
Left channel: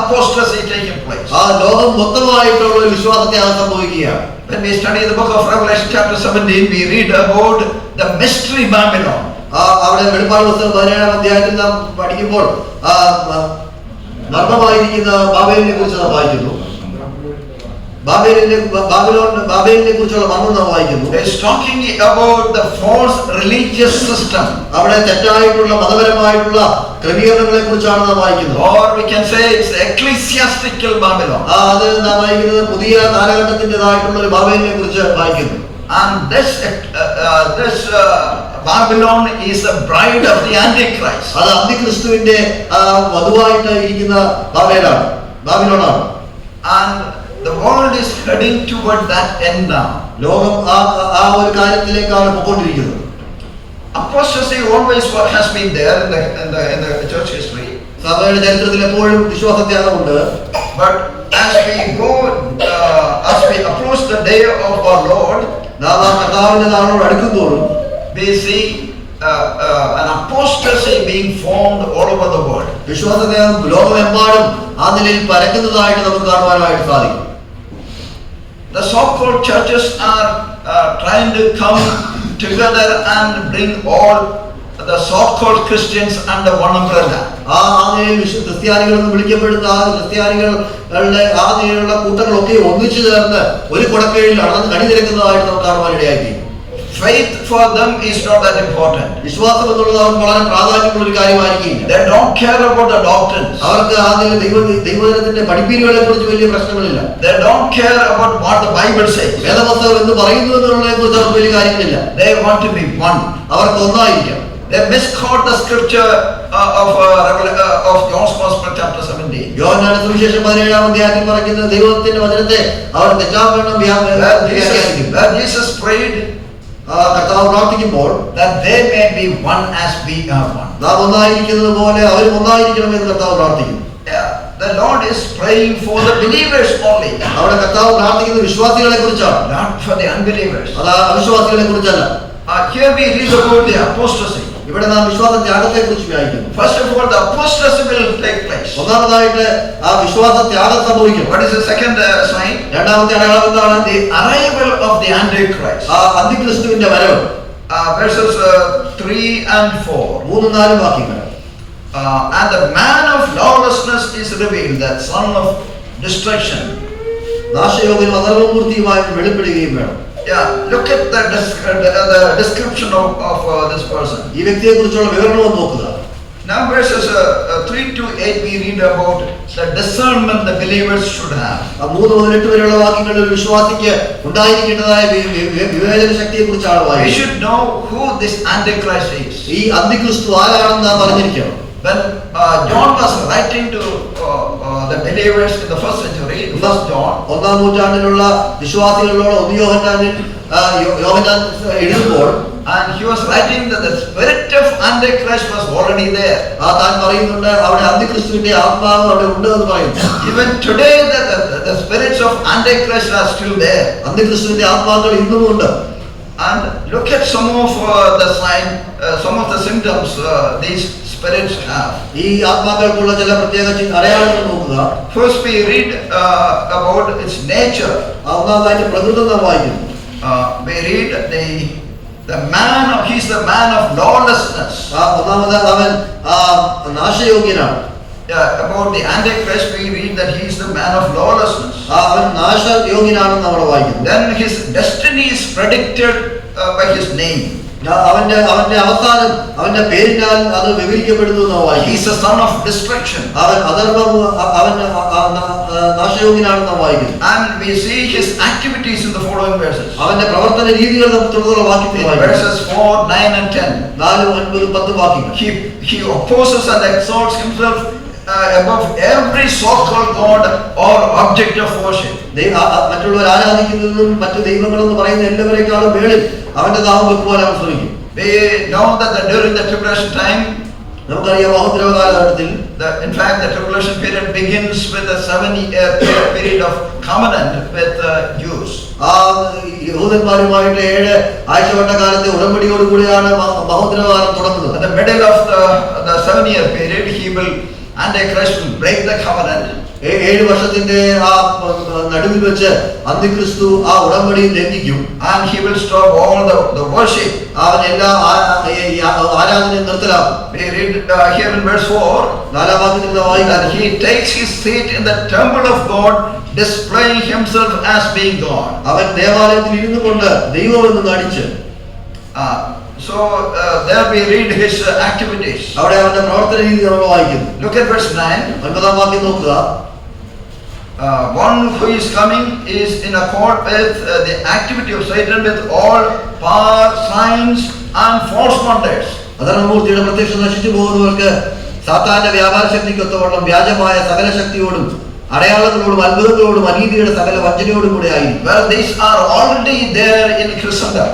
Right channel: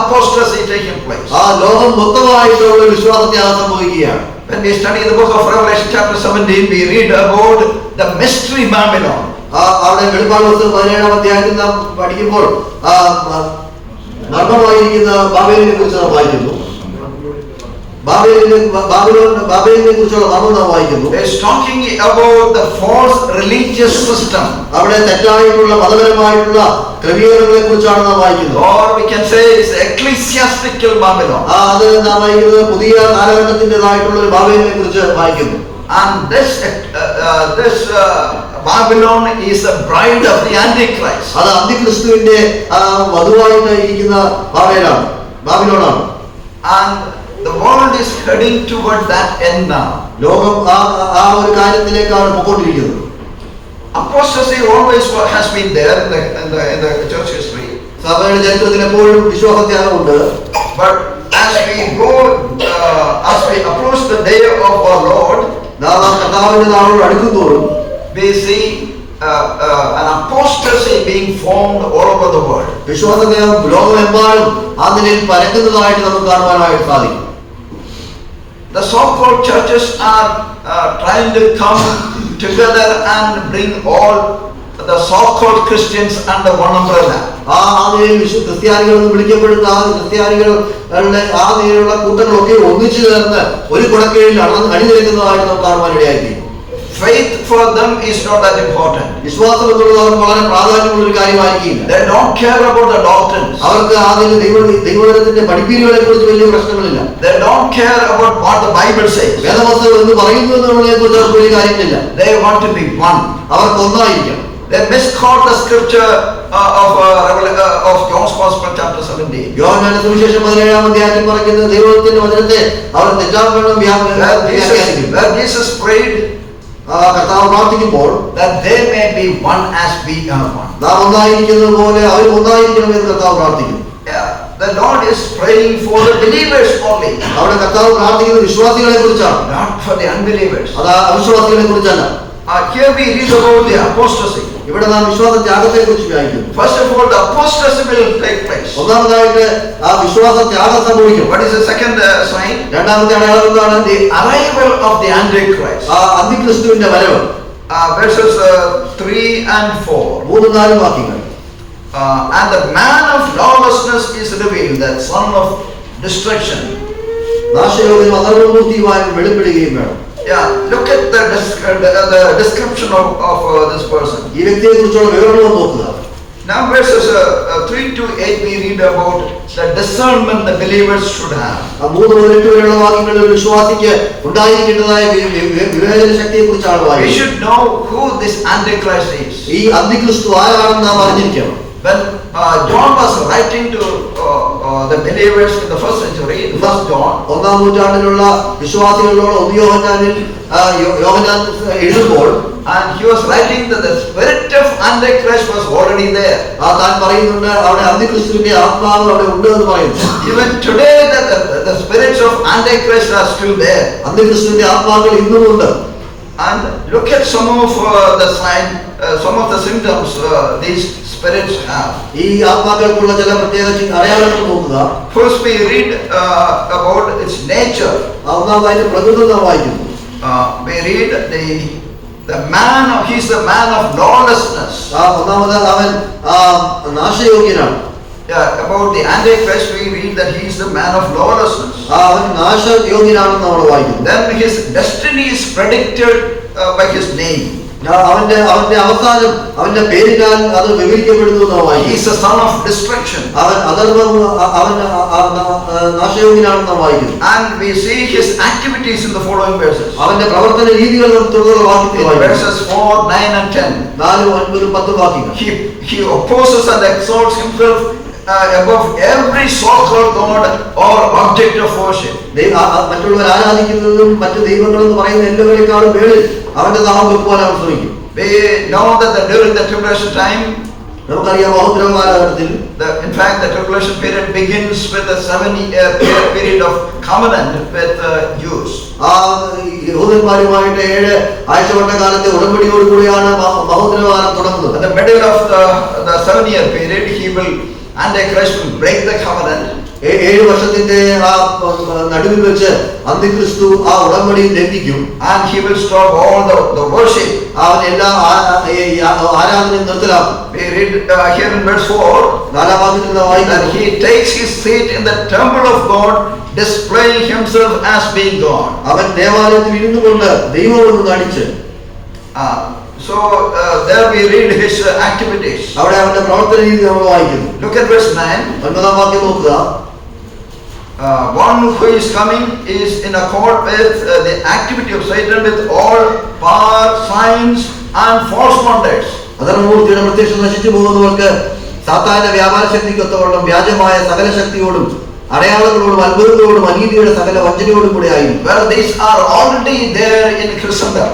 apostasy taking place. ആ ലോകം മൊത്തമായിട്ടുള്ള ഒരു വിശ്വാസ ത്യാഗം സംഭവിക്കുകയാണ്. When we study the book of Revelation chapter 17, we read about the mystery Babylon. അവിടെ വെളിപ്പാട് പുസ്തകം 17-ാം അധ്യായത്തിൽ നാം പഠിക്കുമ്പോൾ മർമ്മമായിരിക്കുന്ന ബാബേലിനെ കുറിച്ച് നാം വായിക്കുന്നു. ബാബേലിനെ കുറിച്ചുള്ള മർമ്മം നാം വായിക്കുന്നു. It's talking about the false religious system. അവിടെ തെറ്റായിട്ടുള്ള മതപരമായിട്ടുള്ള ക്രമീകരണങ്ങളെ കുറിച്ചാണ് നാം വായിക്കുന്നത്. Or we can say it's ecclesiastical Babylon. അത് നാം വായിക്കുന്നത് പുതിയ കാലഘട്ടത്തിൻ്റെതായിട്ടുള്ള ഒരു ബാബേലിനെ കുറിച്ച് വായിക്കുന്നു. And this Babylon is the bride of the Antichrist. അത് അന്തിക്രിസ്തുവിന്റെ വധുവായിട്ട് ഇരിക്കുന്ന ബാബിലോണാണ്. And the world is heading toward that end now. ലോകം ആ ഒരു കാര്യത്തിലേക്കാണ് പോയിക്കൊണ്ടിരിക്കുന്നത്. Apostasy always has been there in the church history. സഭയുടെ ചരിത്രത്തിൽ എപ്പോഴും വിശ്വാസത്യാഗമുണ്ട്. But as we approach the day of our Lord, നാം കർത്താവിന്റെ നാളോട് അടുക്കുന്തോറും we see an apostasy being formed all over the world. വിശ്വാസത്യാഗം ലോകമെമ്പാടും ആ നിലയിൽ പരക്കുന്നതായിട്ട് നമുക്ക് കാണുവാനായിട്ട് സാധിക്കും. The so-called churches are trying to come together and bring all the so-called Christians under one umbrella. ആ നിലയിൽ ക്രിസ്ത്യാനികൾ എന്ന് വിളിക്കപ്പെടുന്ന ആ ക്രിസ്ത്യാനികളുടെ ആ നിലയിലുള്ള കൂട്ടങ്ങളൊക്കെ ഒന്നിച്ചു ചേർന്ന് ഒരു കുടക്കീഴിൽ അണിനിരക്കുന്നതായിട്ട് നമുക്ക് കാണുവാനിടയായിത്തീരും. Faith for them is not that important. വിശ്വാസം എന്നുള്ളത് അവർക്ക് വളരെ പ്രാധാന്യമുള്ള ഒരു കാര്യമായിരിക്കില്ല. They don't care about the doctrines. അവർക്ക് അതിൽ ദൈവവചനത്തിന്റെ പഠിപ്പീരുകളെ കുറിച്ച് വലിയ പ്രശ്നങ്ങളില്ല. They don't care about what the Bible says. വേദപുസ്തകം എന്ന് പറയുന്നു എന്നുള്ളതിനെ കുറിച്ച് അവർക്ക് വലിയ കാര്യങ്ങളില്ല. They want to be one. അവർക്ക് ഒന്നായിരിക്കാം. They misquote the scripture of John's Gospel chapter 17. യോഹന്നാന്റെ സുവിശേഷം 17-ാം അധ്യായത്തിൽ പറയുന്ന ദൈവത്തിന്റെ വചനത്തെ അവർ തെറ്റാക്കണം വ്യാഖ്യാനിക്കും. Where Jesus prayed, കർത്താവ് പ്രാർത്ഥിക്കുമ്പോൾ that they may be one as we are one. നാം ഒന്നായിരിക്കുന്നത് പോലെ അവരും ഒന്നായിരിക്കണം എന്ന് കർത്താവ് പ്രാർത്ഥിക്കുന്നു. The Lord is praying for the believers only. അവിടെ കർത്താവ് പ്രാർത്ഥിക്കുന്നത് വിശ്വാസികളെ കുറിച്ചാണ്, not for the unbelievers. അത് അവിശ്വാസികളെ കുറിച്ചല്ല. Here we read about the apostasy. ഇവിടെ നാം വിശ്വാസ ത്യാഗത്തെ കുറിച്ച് വായിക്കുന്നു. First of all, the apostasy will take place. ഒന്നാമതായിട്ട് ആ വിശ്വാസ ത്യാഗം സംഭവിക്കും. What is the second sign? രണ്ടാമത്തെ അടയാളം എന്താണ്? The arrival of the Antichrist. ആ അന്തിക്രിസ്തുവിന്റെ വരവ്. Verses 3 and 4. 3-4 വാക്യങ്ങൾ. And the man of lawlessness is revealed, that son of destruction. നാശയോഗ്യനും അധർമ്മമൂർത്തിയുമായ വെളിപ്പെടുകയും വേണം. Yeah, look at the description of this person. ഈ വ്യക്തിയെ കുറിച്ചുള്ള വിവരണം നോക്കുക. Now verses 3 to 8 we read about the discernment the believers should have. 3 മുതൽ 8 വരെയുള്ള വാക്യങ്ങളിൽ ഒരു വിശ്വാസിക്ക് ഉണ്ടായിരിക്കേണ്ടതായ വിവേചന ശക്തിയെ കുറിച്ചാണ് We വായിക്കുന്നത്. should know who this Antichrist is. ഈ അന്തിക്രിസ്തു ആരാണെന്ന് നാം അറിഞ്ഞിരിക്കണം. When John was writing to the believers in the first century, first John, 1-ാം നൂറ്റാണ്ടിലുള്ള വിശ്വാസികളോട് യോഹന്നാൻ എഴുതുമ്പോൾ, and he was writing that the spirit of Antichrist was already there. താൻ പറയുന്നുണ്ട് അവിടെ അന്തിക്രിസ്തുവിന്റെ ആത്മാവ് അവിടെ ഉണ്ട് എന്ന് പറയുന്നു. Even today the spirits of Antichrist are still there. അന്തിക്രിസ്തുവിന്റെ ആത്മാക്കൾ ഇന്നും ഉണ്ട്. And look at some of the sign, some of the symptoms these spirits have. ഈ ആത്മാക്കൾക്കുള്ള ചില പ്രത്യേക അടയാളങ്ങൾ നോക്കുക. First we read about its nature. ഒന്നാമതായിട്ട് പ്രകൃതി നാം വായിക്കുന്നു. We read the man, he's the man of lawlessness. ഒന്നാമത് അവൻ നാശയോഗ്യനാണ്. About the Antichrist we read that he is the man of lawlessness. അവൻ നാശയോഗ്യനാണെന്ന് നമ്മൾ വായിക്കുന്നു. Then his destiny is predicted by his name. അവന്റെ അവസാനം അവന്റെ പേരിനാൽ അത് വിവരിക്കപ്പെടുന്നു എന്ന് വായിക്കുന്നു. He is the son of destruction. അവൻ അധർമ്മം അവൻ നാശയോഗ്യനാണെന്ന് വായിക്കുന്നു. And we see his activities in the following verses. അവന്റെ പ്രവർത്തന രീതികൾ തുടർന്നുള്ള വാക്യത്തിൽ വായിക്കുന്നു. Verses 4, 9 and 10. 4, 9, 10 വാക്യങ്ങൾ. He opposes and exalts himself above every so-called God or object of worship. മറ്റുള്ളവർ ആരാധിക്കുന്നതും മറ്റു ദൈവങ്ങളെന്ന് പറയുന്ന എല്ലാവരെക്കാളും മേളിൽ അവന്റെ നാമം വെക്കുവാൻ അവൻ ശ്രമിക്കും. We know that during the tribulation time, നമുക്കറിയാം മഹോദ്രവ കാലഘട്ടത്തിൽ, in fact the tribulation period begins with a 7-year period of covenant with Jews. യഹൂദന്മാരുമായിട്ട് 7 ആഴ്ചവട്ട കാലത്തെ ഉടമ്പടിയോടുകൂടിയാണ് മഹോദ്രവ കാലം തുടങ്ങുന്നത്. In the middle of the 7-year period, Antichrist will break the covenant. 7 വർഷത്തിന്റെ നടുവിൽ വെച്ച് അന്തിക്രിസ്തു ഉടമ്പടി ലംഘിക്കും. And he will stop all the worship. അവൻ എല്ലാ ആരാധനയും നിർത്തലാക്കും. We read here in verse 4 that he takes his seat in the temple of God, displaying himself as being God. അവൻ ദേവാലയത്തിൽ ഇരുന്നുകൊണ്ട് ദൈവമെന്ന് നടിച്ച്. So there we read his activities. അവിടെ അവന്റെ പ്രവർത്തന രീതി നമ്മൾ വായിക്കുന്നു. Look at verse 9. 9-ാം വാക്യം നോക്കുക. One who is coming is in accord with the activity of Satan with all power, signs and false wonders. അധർമ്മമൂർത്തിയുടെ പ്രത്യക്ഷം നശിച്ചു പോകുന്നവർക്ക് സാത്താന്റെ വ്യാപാര ശക്തിക്കൊത്തവണ്ണം വ്യാജമായ സകല ശക്തിയോടും അടയാളങ്ങളോടും അത്ഭുതങ്ങളോടും അനീതിയുടെ സകല വഞ്ചനയോടും കൂടെ ആയി. Well, these are already there in Christendom.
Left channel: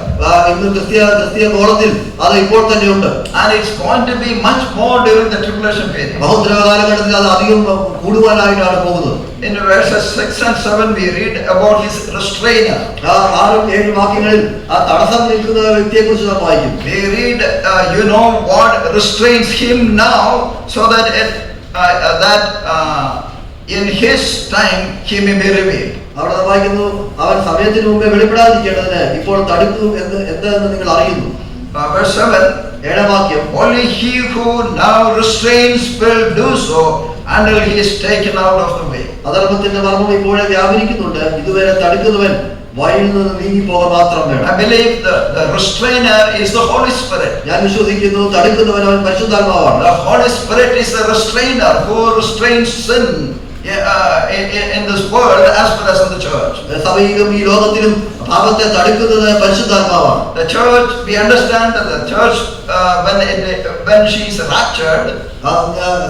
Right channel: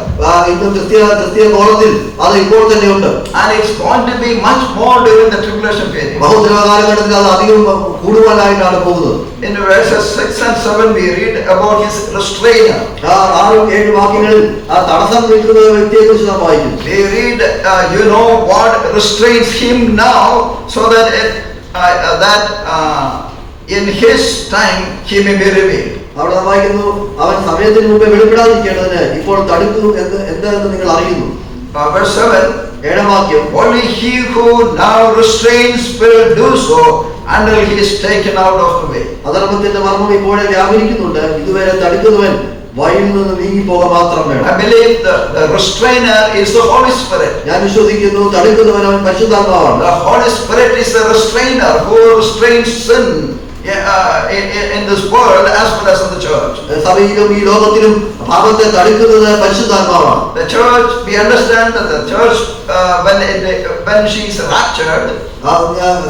ഇന്ന് ക്രിസ്തീയ ഗോളത്തിൽ അത് ഇപ്പോൾ തന്നെ ഉണ്ട്. And it's going to be much more during the tribulation period. ബഹുദ്രവ കാലഘട്ടത്തിൽ അത് അധികം കൂടുവാനായിട്ടാണ് പോകുന്നത്. In verses 6 and 7 we read about his restrainer. 6-7 വാക്യങ്ങളിൽ തടസ്സം നിൽക്കുന്ന വ്യക്തിയെ കുറിച്ച് നാം വായിക്കും. We read you know what restrains him now, so that in his time he may be revealed. അവിടെ നാം വായിക്കുന്നു, അവൻ സമയത്തിന് മുമ്പേ വെളിപ്പെടാതിരിക്കേണ്ടതിന് ഇപ്പോൾ തടുക്കും എന്താണെന്ന് നിങ്ങൾ അറിയുന്നു. Verse 7, 7-ാം വാക്യം. only he who now restrains will do so until he is taken out of the way. അധർമ്മത്തിന്റെ മർമ്മം ഇപ്പോഴേ വ്യാപരിക്കുന്നുണ്ട്, ഇതുവരെ തടുക്കുന്നവൻ വഴിയിൽ നിന്ന് നീങ്ങിപ്പോക മാത്രം വേണം. I believe the restrainer is the Holy Spirit. ഞാൻ വിശ്വസിക്കുന്നു തടുക്കുന്നവൻ അവൻ പരിശുദ്ധാത്മാവാണ്. The Holy Spirit is the restrainer who restrains sin in this world as well as in the church. സഭയിലും ഈ ലോകത്തിലും പാപത്തെ തടുക്കുന്നത് പരിശുദ്ധാത്മാവാണ്. The church, we understand that the church when she is raptured,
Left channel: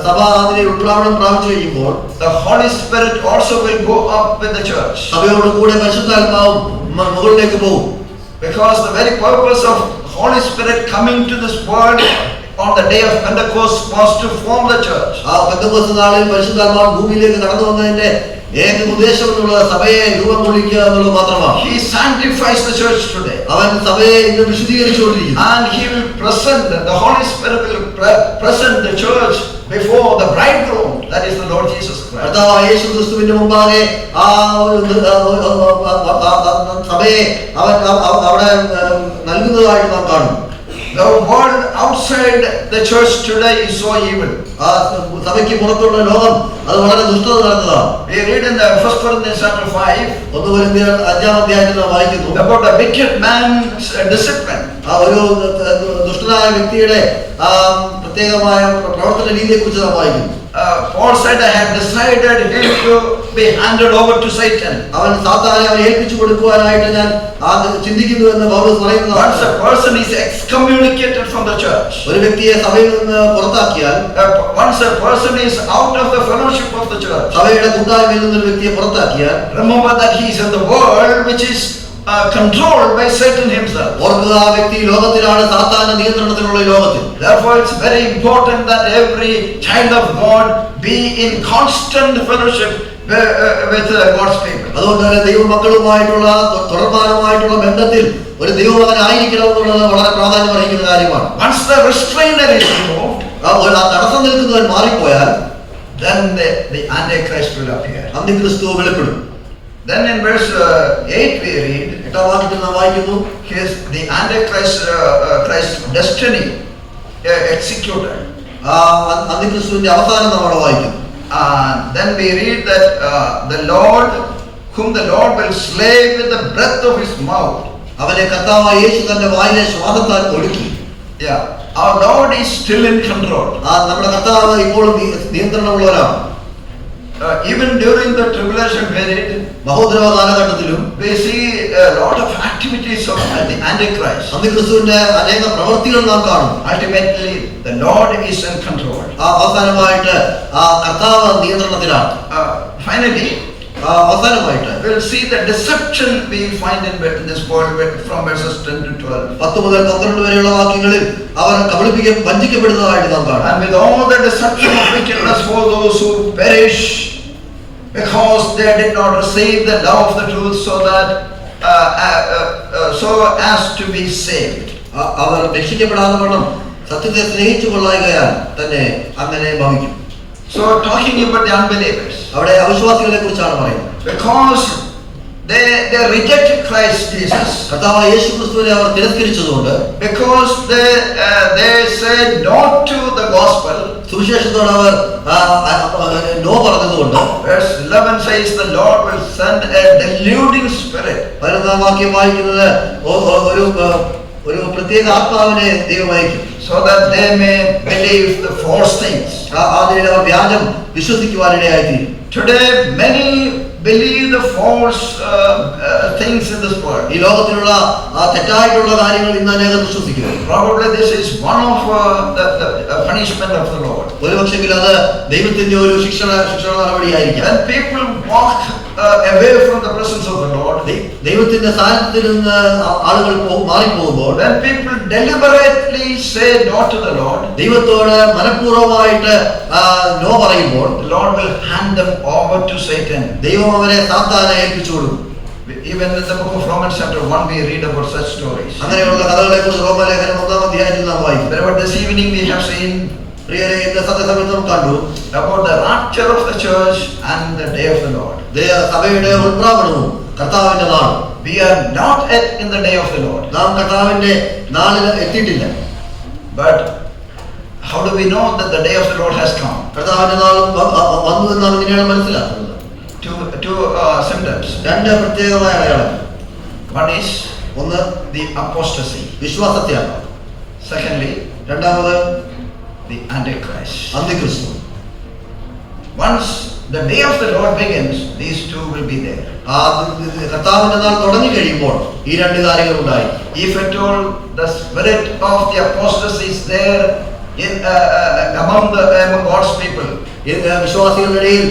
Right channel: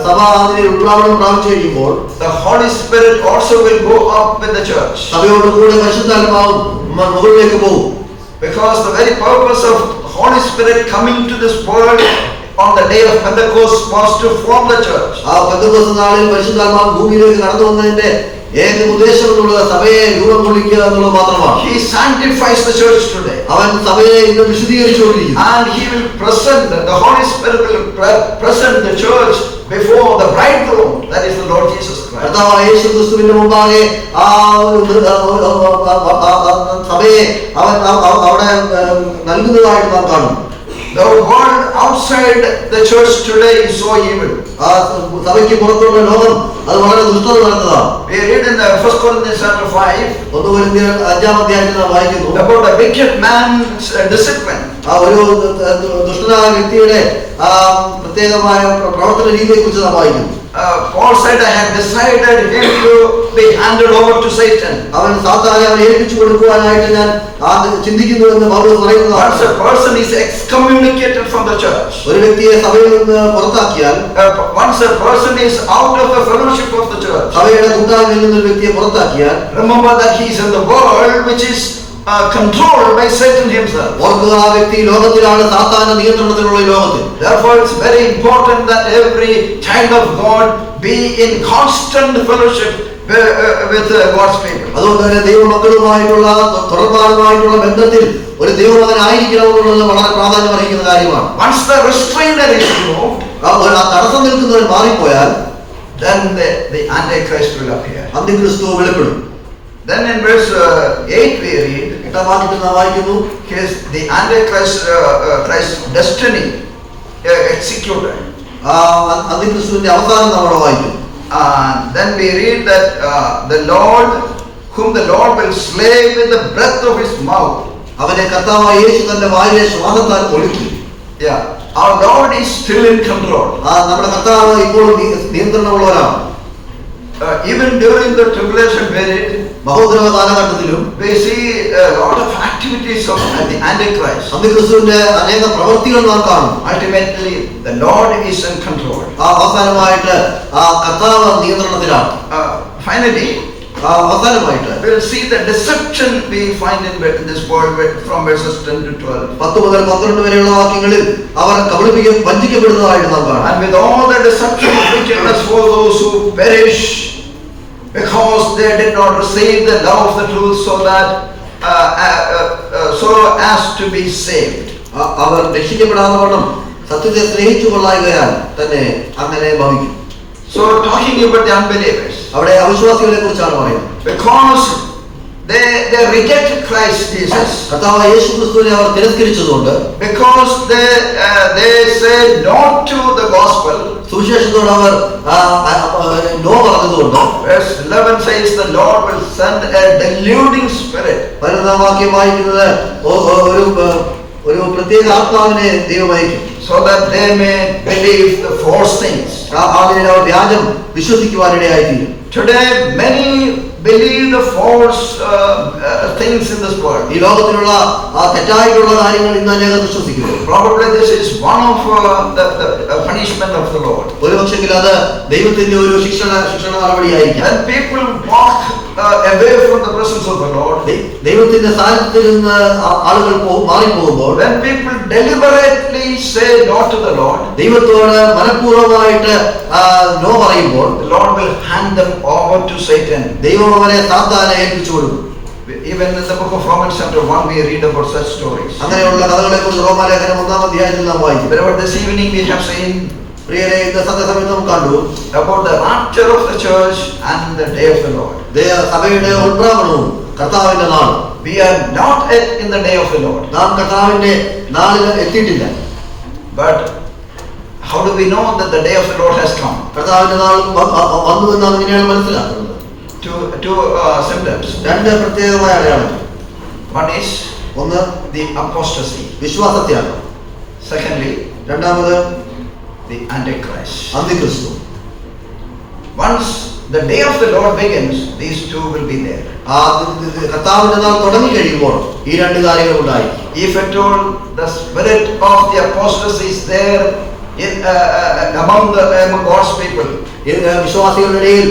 സഭ അതിനെ ഉൾപ്രാവണം പ്രാപിച്ചു കഴിയുമ്പോൾ the Holy Spirit also will go up with the church. സഭയോട് കൂടെ പരിശുദ്ധാത്മാവും മുകളിലേക്ക് പോകും. Because the very purpose of Holy Spirit coming to this world on the day of Pentecost was to form the church. Pentecost നാളിൽ പരിശുദ്ധാത്മാവ് ഭൂമിയിലേക്ക് കടന്നു വന്നതിന്റെ ഏക ഉദ്ദേശമുള്ള സഭയെ രൂപം കൊള്ളിക്കുക എന്നുള്ളത് മാത്രമാണ്. He sanctifies the church today. അവൻ സഭയെ ഇന്ന് വിശുദ്ധീകരിച്ചുകൊണ്ടിരിക്കുന്നു. And he will present, the Holy Spirit will present the church before the bridegroom, that is the Lord Jesus Christ. കർത്താവായ യേശു ക്രിസ്തുവിന്റെ മുമ്പാകെ സഭയെ അവൻ അവിടെ നൽകുന്നതായിട്ട് നാം കാണും. The world outside the church today is so evil. ആ സഭയ്ക്ക് പുറത്തുള്ള ലോകം അത് വളരെ ദുഷ്ടത നടന്നതാണ്. We read in 1 Corinthians chapter 5 1 കൊരിന്ത്യർ 5-ാം അധ്യായത്തിൽ നാം വായിക്കുന്നു about a wicked man's discipline. ആ ഒരു ദുഷ്ടനായ വ്യക്തിയുടെ പ്രത്യേകമായ പ്രവർത്തന രീതിയെ കുറിച്ച് നാം വായിക്കുന്നു. Paul said, I have decided him to be handed over to Satan. അവൻ സാത്താനെ അവനെ ഏൽപ്പിച്ചു കൊടുക്കുവാനായിട്ട് ഞാൻ ചിന്തിക്കുന്നു എന്ന് പൗലോസ് പറയുന്നു. Once a person is excommunicated from the church, ഒരു വ്യക്തിയെ സഭയിൽ നിന്ന് പുറത്താക്കിയാൽ, once a person is out of the fellowship of the church, സഭയുടെ കൂട്ടായ്മയിൽ നിന്ന് ഒരു വ്യക്തിയെ പുറത്താക്കിയാൽ, remember that he is in the world which is controlled by Satan himself. ഓർക്കുക, ആ വ്യക്തി ലോകത്തിലാണ്, സാത്താന്റെ നിയന്ത്രണത്തിലുള്ള ലോകത്തിൽ. Therefore it's very important that every child of God be in constant fellowship with God's people. അതുകൊണ്ട് തന്നെ ദൈവമക്കളുമായിട്ടുള്ള തുടർമാനമായിട്ടുള്ള ബന്ധത്തിൽ ഒരു ദൈവമകനായിരിക്കണമെന്നുള്ളത് വളരെ പ്രാധാന്യം അറിയിക്കുന്ന കാര്യമാണ്. Once the restrainer is removed, തടസ്സം നിൽക്കുന്നവർ മാറിപ്പോയാൽ, then the Antichrist will appear. അന്തിക്രിസ്തു വെളിപ്പെടും. Then in verse 8 we read, 8-ാം വാക്യത്തിൽ നാം വായിക്കുന്നു, the Antichrist Christ's destiny executed. അന്തിക്രിസ്തുവിന്റെ അവസാനം നമ്മൾ വായിക്കുന്നു. Then we read that the Lord, whom the Lord will slay with the breath of his mouth. അവനെ കർത്താവായ യേശു തന്റെ വായിലെ ശ്വാസത്താൽ ഒടുക്കി. Our Lord is still in control. നമ്മുടെ കർത്താവ് ഇപ്പോഴും നിയന്ത്രണമുള്ളവരാണ്. Even during the tribulation period, മഹോദരവ കാലഘട്ടത്തിലും we see a lot of activities of the Antichrist. അന്തിക്രിസ്തുവിന്റെ അനേക പ്രവൃത്തികൾ നാം കാണും. Ultimately, the Lord is in control. അവസാനമായിട്ട് കർത്താവ് നിയന്ത്രണത്തിലാണ്. Finally, അവസാനമായിട്ട് we'll see the deception we find in this world from verses 10 to 12. 10 മുതൽ 12 വരെയുള്ള വാക്യങ്ങളിൽ അവർ വഞ്ചിക്കപ്പെടുന്നതായിട്ട് നാം കാണും. And with all the deception of wickedness for those who perish, because they did not receive the love of the truth, so as to be saved. അവർ രക്ഷിക്കപ്പെടാതെ വണ്ണം സത്യത്തെ സ്നേഹിച്ചു കൊള്ളായികയാൽ തന്നെ അങ്ങനെ ഭവിക്കും. So talking about the unbelievers, അവിടെ അവിശ്വാസികളെ കുറിച്ചാണ് പറയുന്നത്. because they rejected Christ Jesus, കർത്താവായ യേശു ക്രിസ്തുവിനെ അവർ തിരസ്കരിച്ചതുകൊണ്ട്, because they said no to the gospel, സുവിശേഷത്തോട് അവർ നോ പറഞ്ഞതുകൊണ്ട്, verse 11 says the Lord will send a deluding spirit. 12-ാം വാക്യം വായിക്കുന്നത് ഒരു പ്രത്യേക ആത്മാവിനെ ദൈവം അയക്കും, so that they may believe the false things. അതിനെ അവർ വ്യാജം വിശ്വസിക്കുവാനിടയായിത്തീരും. Today many believe the false things in this world. ഈ ലോകത്തിലുള്ള തെറ്റായിട്ടുള്ള കാര്യങ്ങൾ ഇന്ന് അനേകം വിശ്വസിക്കുന്നു. Probably this is one of the punishment of the Lord. ഒരുപക്ഷെങ്കിൽ അത് ദൈവത്തിന്റെ ഒരു ശിക്ഷണ നടപടിയായിരിക്കും. When people walk away from the presence of the Lord, ദൈവത്തിന്റെ സാന്നിധ്യത്തിൽ നിന്ന് ആളുകൾ മാറിപ്പോകുമ്പോൾ, when people deliberately say no to the Lord, ദൈവത്തോട് മനഃപൂർവ്വമായിട്ട് നോ പറയുമ്പോൾ, the Lord will hand them over to Satan. ദൈവം അവരെ സാത്താനെ ഏൽപ്പിച്ചു കൊടുക്കും. Even in the book of Romans chapter 1 we read about such stories. അങ്ങനെയുള്ള കഥകളെ കുറിച്ച് റോമാലേഖനം 1-ാം അധ്യായത്തിൽ നാം വായിക്കും. But this evening we have seen സത്യസമയത്ത് നാം കണ്ടു about the rapture of the church and the day of the Lord. സഭയുടെ ഉൾപ്രാപണവും കർത്താവിന്റെ നാളും. We are not yet in the day of the Lord. നാം കർത്താവിന്റെ നാളിൽ എത്തിയിട്ടില്ല. But how do we know that the day of the Lord has come? കർത്താവിന്റെ നാൾ വന്നു എന്ന് നാം എങ്ങനെയാണ് മനസ്സിലാക്കുന്നത്? Two symptoms. രണ്ട് പ്രത്യേകമായ അടയാളങ്ങൾ. One is the apostasy. വിശ്വാസത്യാഗം. Secondly, രണ്ടാമത് the Antichrist. അന്തിക്രിസ്തു. Once the day of the Lord begins, these two will be there. കർത്താവിന്റെ നാൾ തുടങ്ങി കഴിയുമ്പോൾ ഈ രണ്ട് കാര്യങ്ങൾ ഉണ്ടായി. If at all the spirit of the apostasy is there among God's people, വിശ്വാസികളുടെ ഇടയിൽ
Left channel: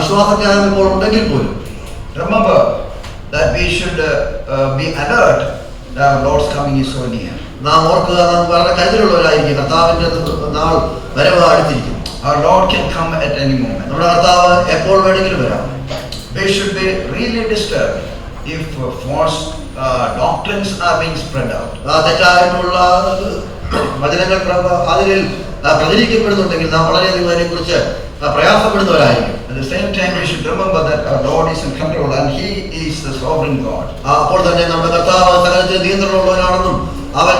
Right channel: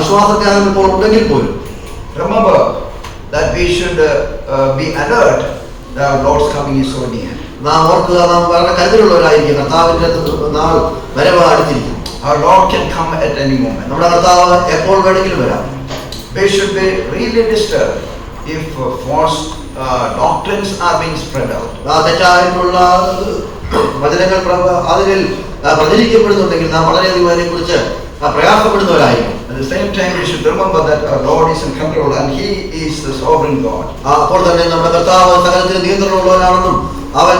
വിശ്വാസത്യാഗം ഇപ്പോൾ ഉണ്ടെങ്കിൽ പോലും, remember that we should be alert that our Lord's coming is so near. നാം ഓർക്കുക, നാം വളരെ കരുതലുള്ളവരായിരിക്കും. കർത്താവിന്റെ നാൾ വരവ് അടുത്തിരിക്കും. Our Lord can come at any moment. നമ്മുടെ കർത്താവ് എപ്പോൾ വേണമെങ്കിലും വരാം. We should be really disturbed if false doctrines are being spread out. തെറ്റായിട്ടുള്ള വചനങ്ങൾ അതിൽ പ്രചരിക്കപ്പെടുന്നുണ്ടെങ്കിൽ നാം വളരെയധികം അതിനെക്കുറിച്ച് പ്രയാസപ്പെടുന്നവരായിരിക്കും. At the same time, we should remember that our Lord is in control and He is the sovereign God. അപ്പോൾ തന്നെ നമ്മുടെ കർത്താവ് സകലത്തിന് നിയന്ത്രണമുള്ളവനാണെന്നും അവൻ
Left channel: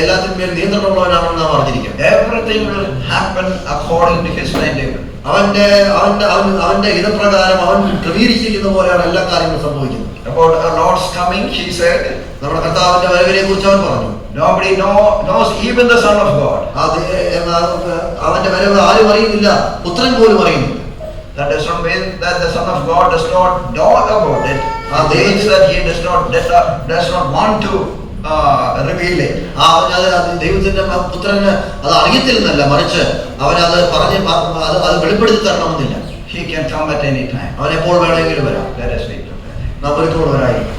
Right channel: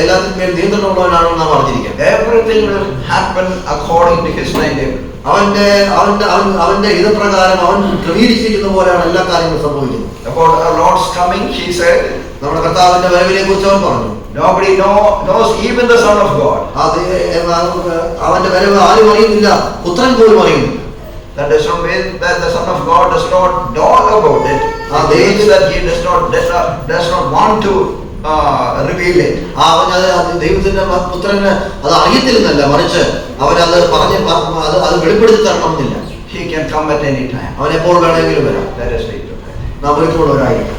എല്ലാത്തിന്മേൽ നിയന്ത്രണമുള്ളവനാണെന്ന് നാം അറിഞ്ഞിരിക്കണം. Everything will happen according to his timetable. അവന്റെ ഹിതപ്രകാരം അവൻ ക്രമീകരിച്ചിരിക്കുന്ന പോലെയാണ് എല്ലാ കാര്യങ്ങളും സംഭവിക്കുന്നത്. About our Lord's coming, he said, നമ്മുടെ കർത്താവിന്റെ വരവിനെ കുറിച്ച് അവൻ പറഞ്ഞു, nobody knows, even the Son of God. അവന്റെ വരവ് ആരും അറിയുന്നില്ല, പുത്രൻ പോലും അറിയുന്നു. That does not mean that the Son of God does not know about it. It means that he does not want to reveal it. ദൈവത്തിന്റെ പുത്രന് അത് അറിയത്തില്ലെന്നല്ല, മറിച്ച് അവനത് പറഞ്ഞ് അത് വെളിപ്പെടുത്തി തരണമെന്നില്ല. He can come at any time. അവൻ എപ്പോൾ വേണമെങ്കിലും വരാം. Let us wait. നാം ഒരുക്കമുള്ളവരായിരിക്കും.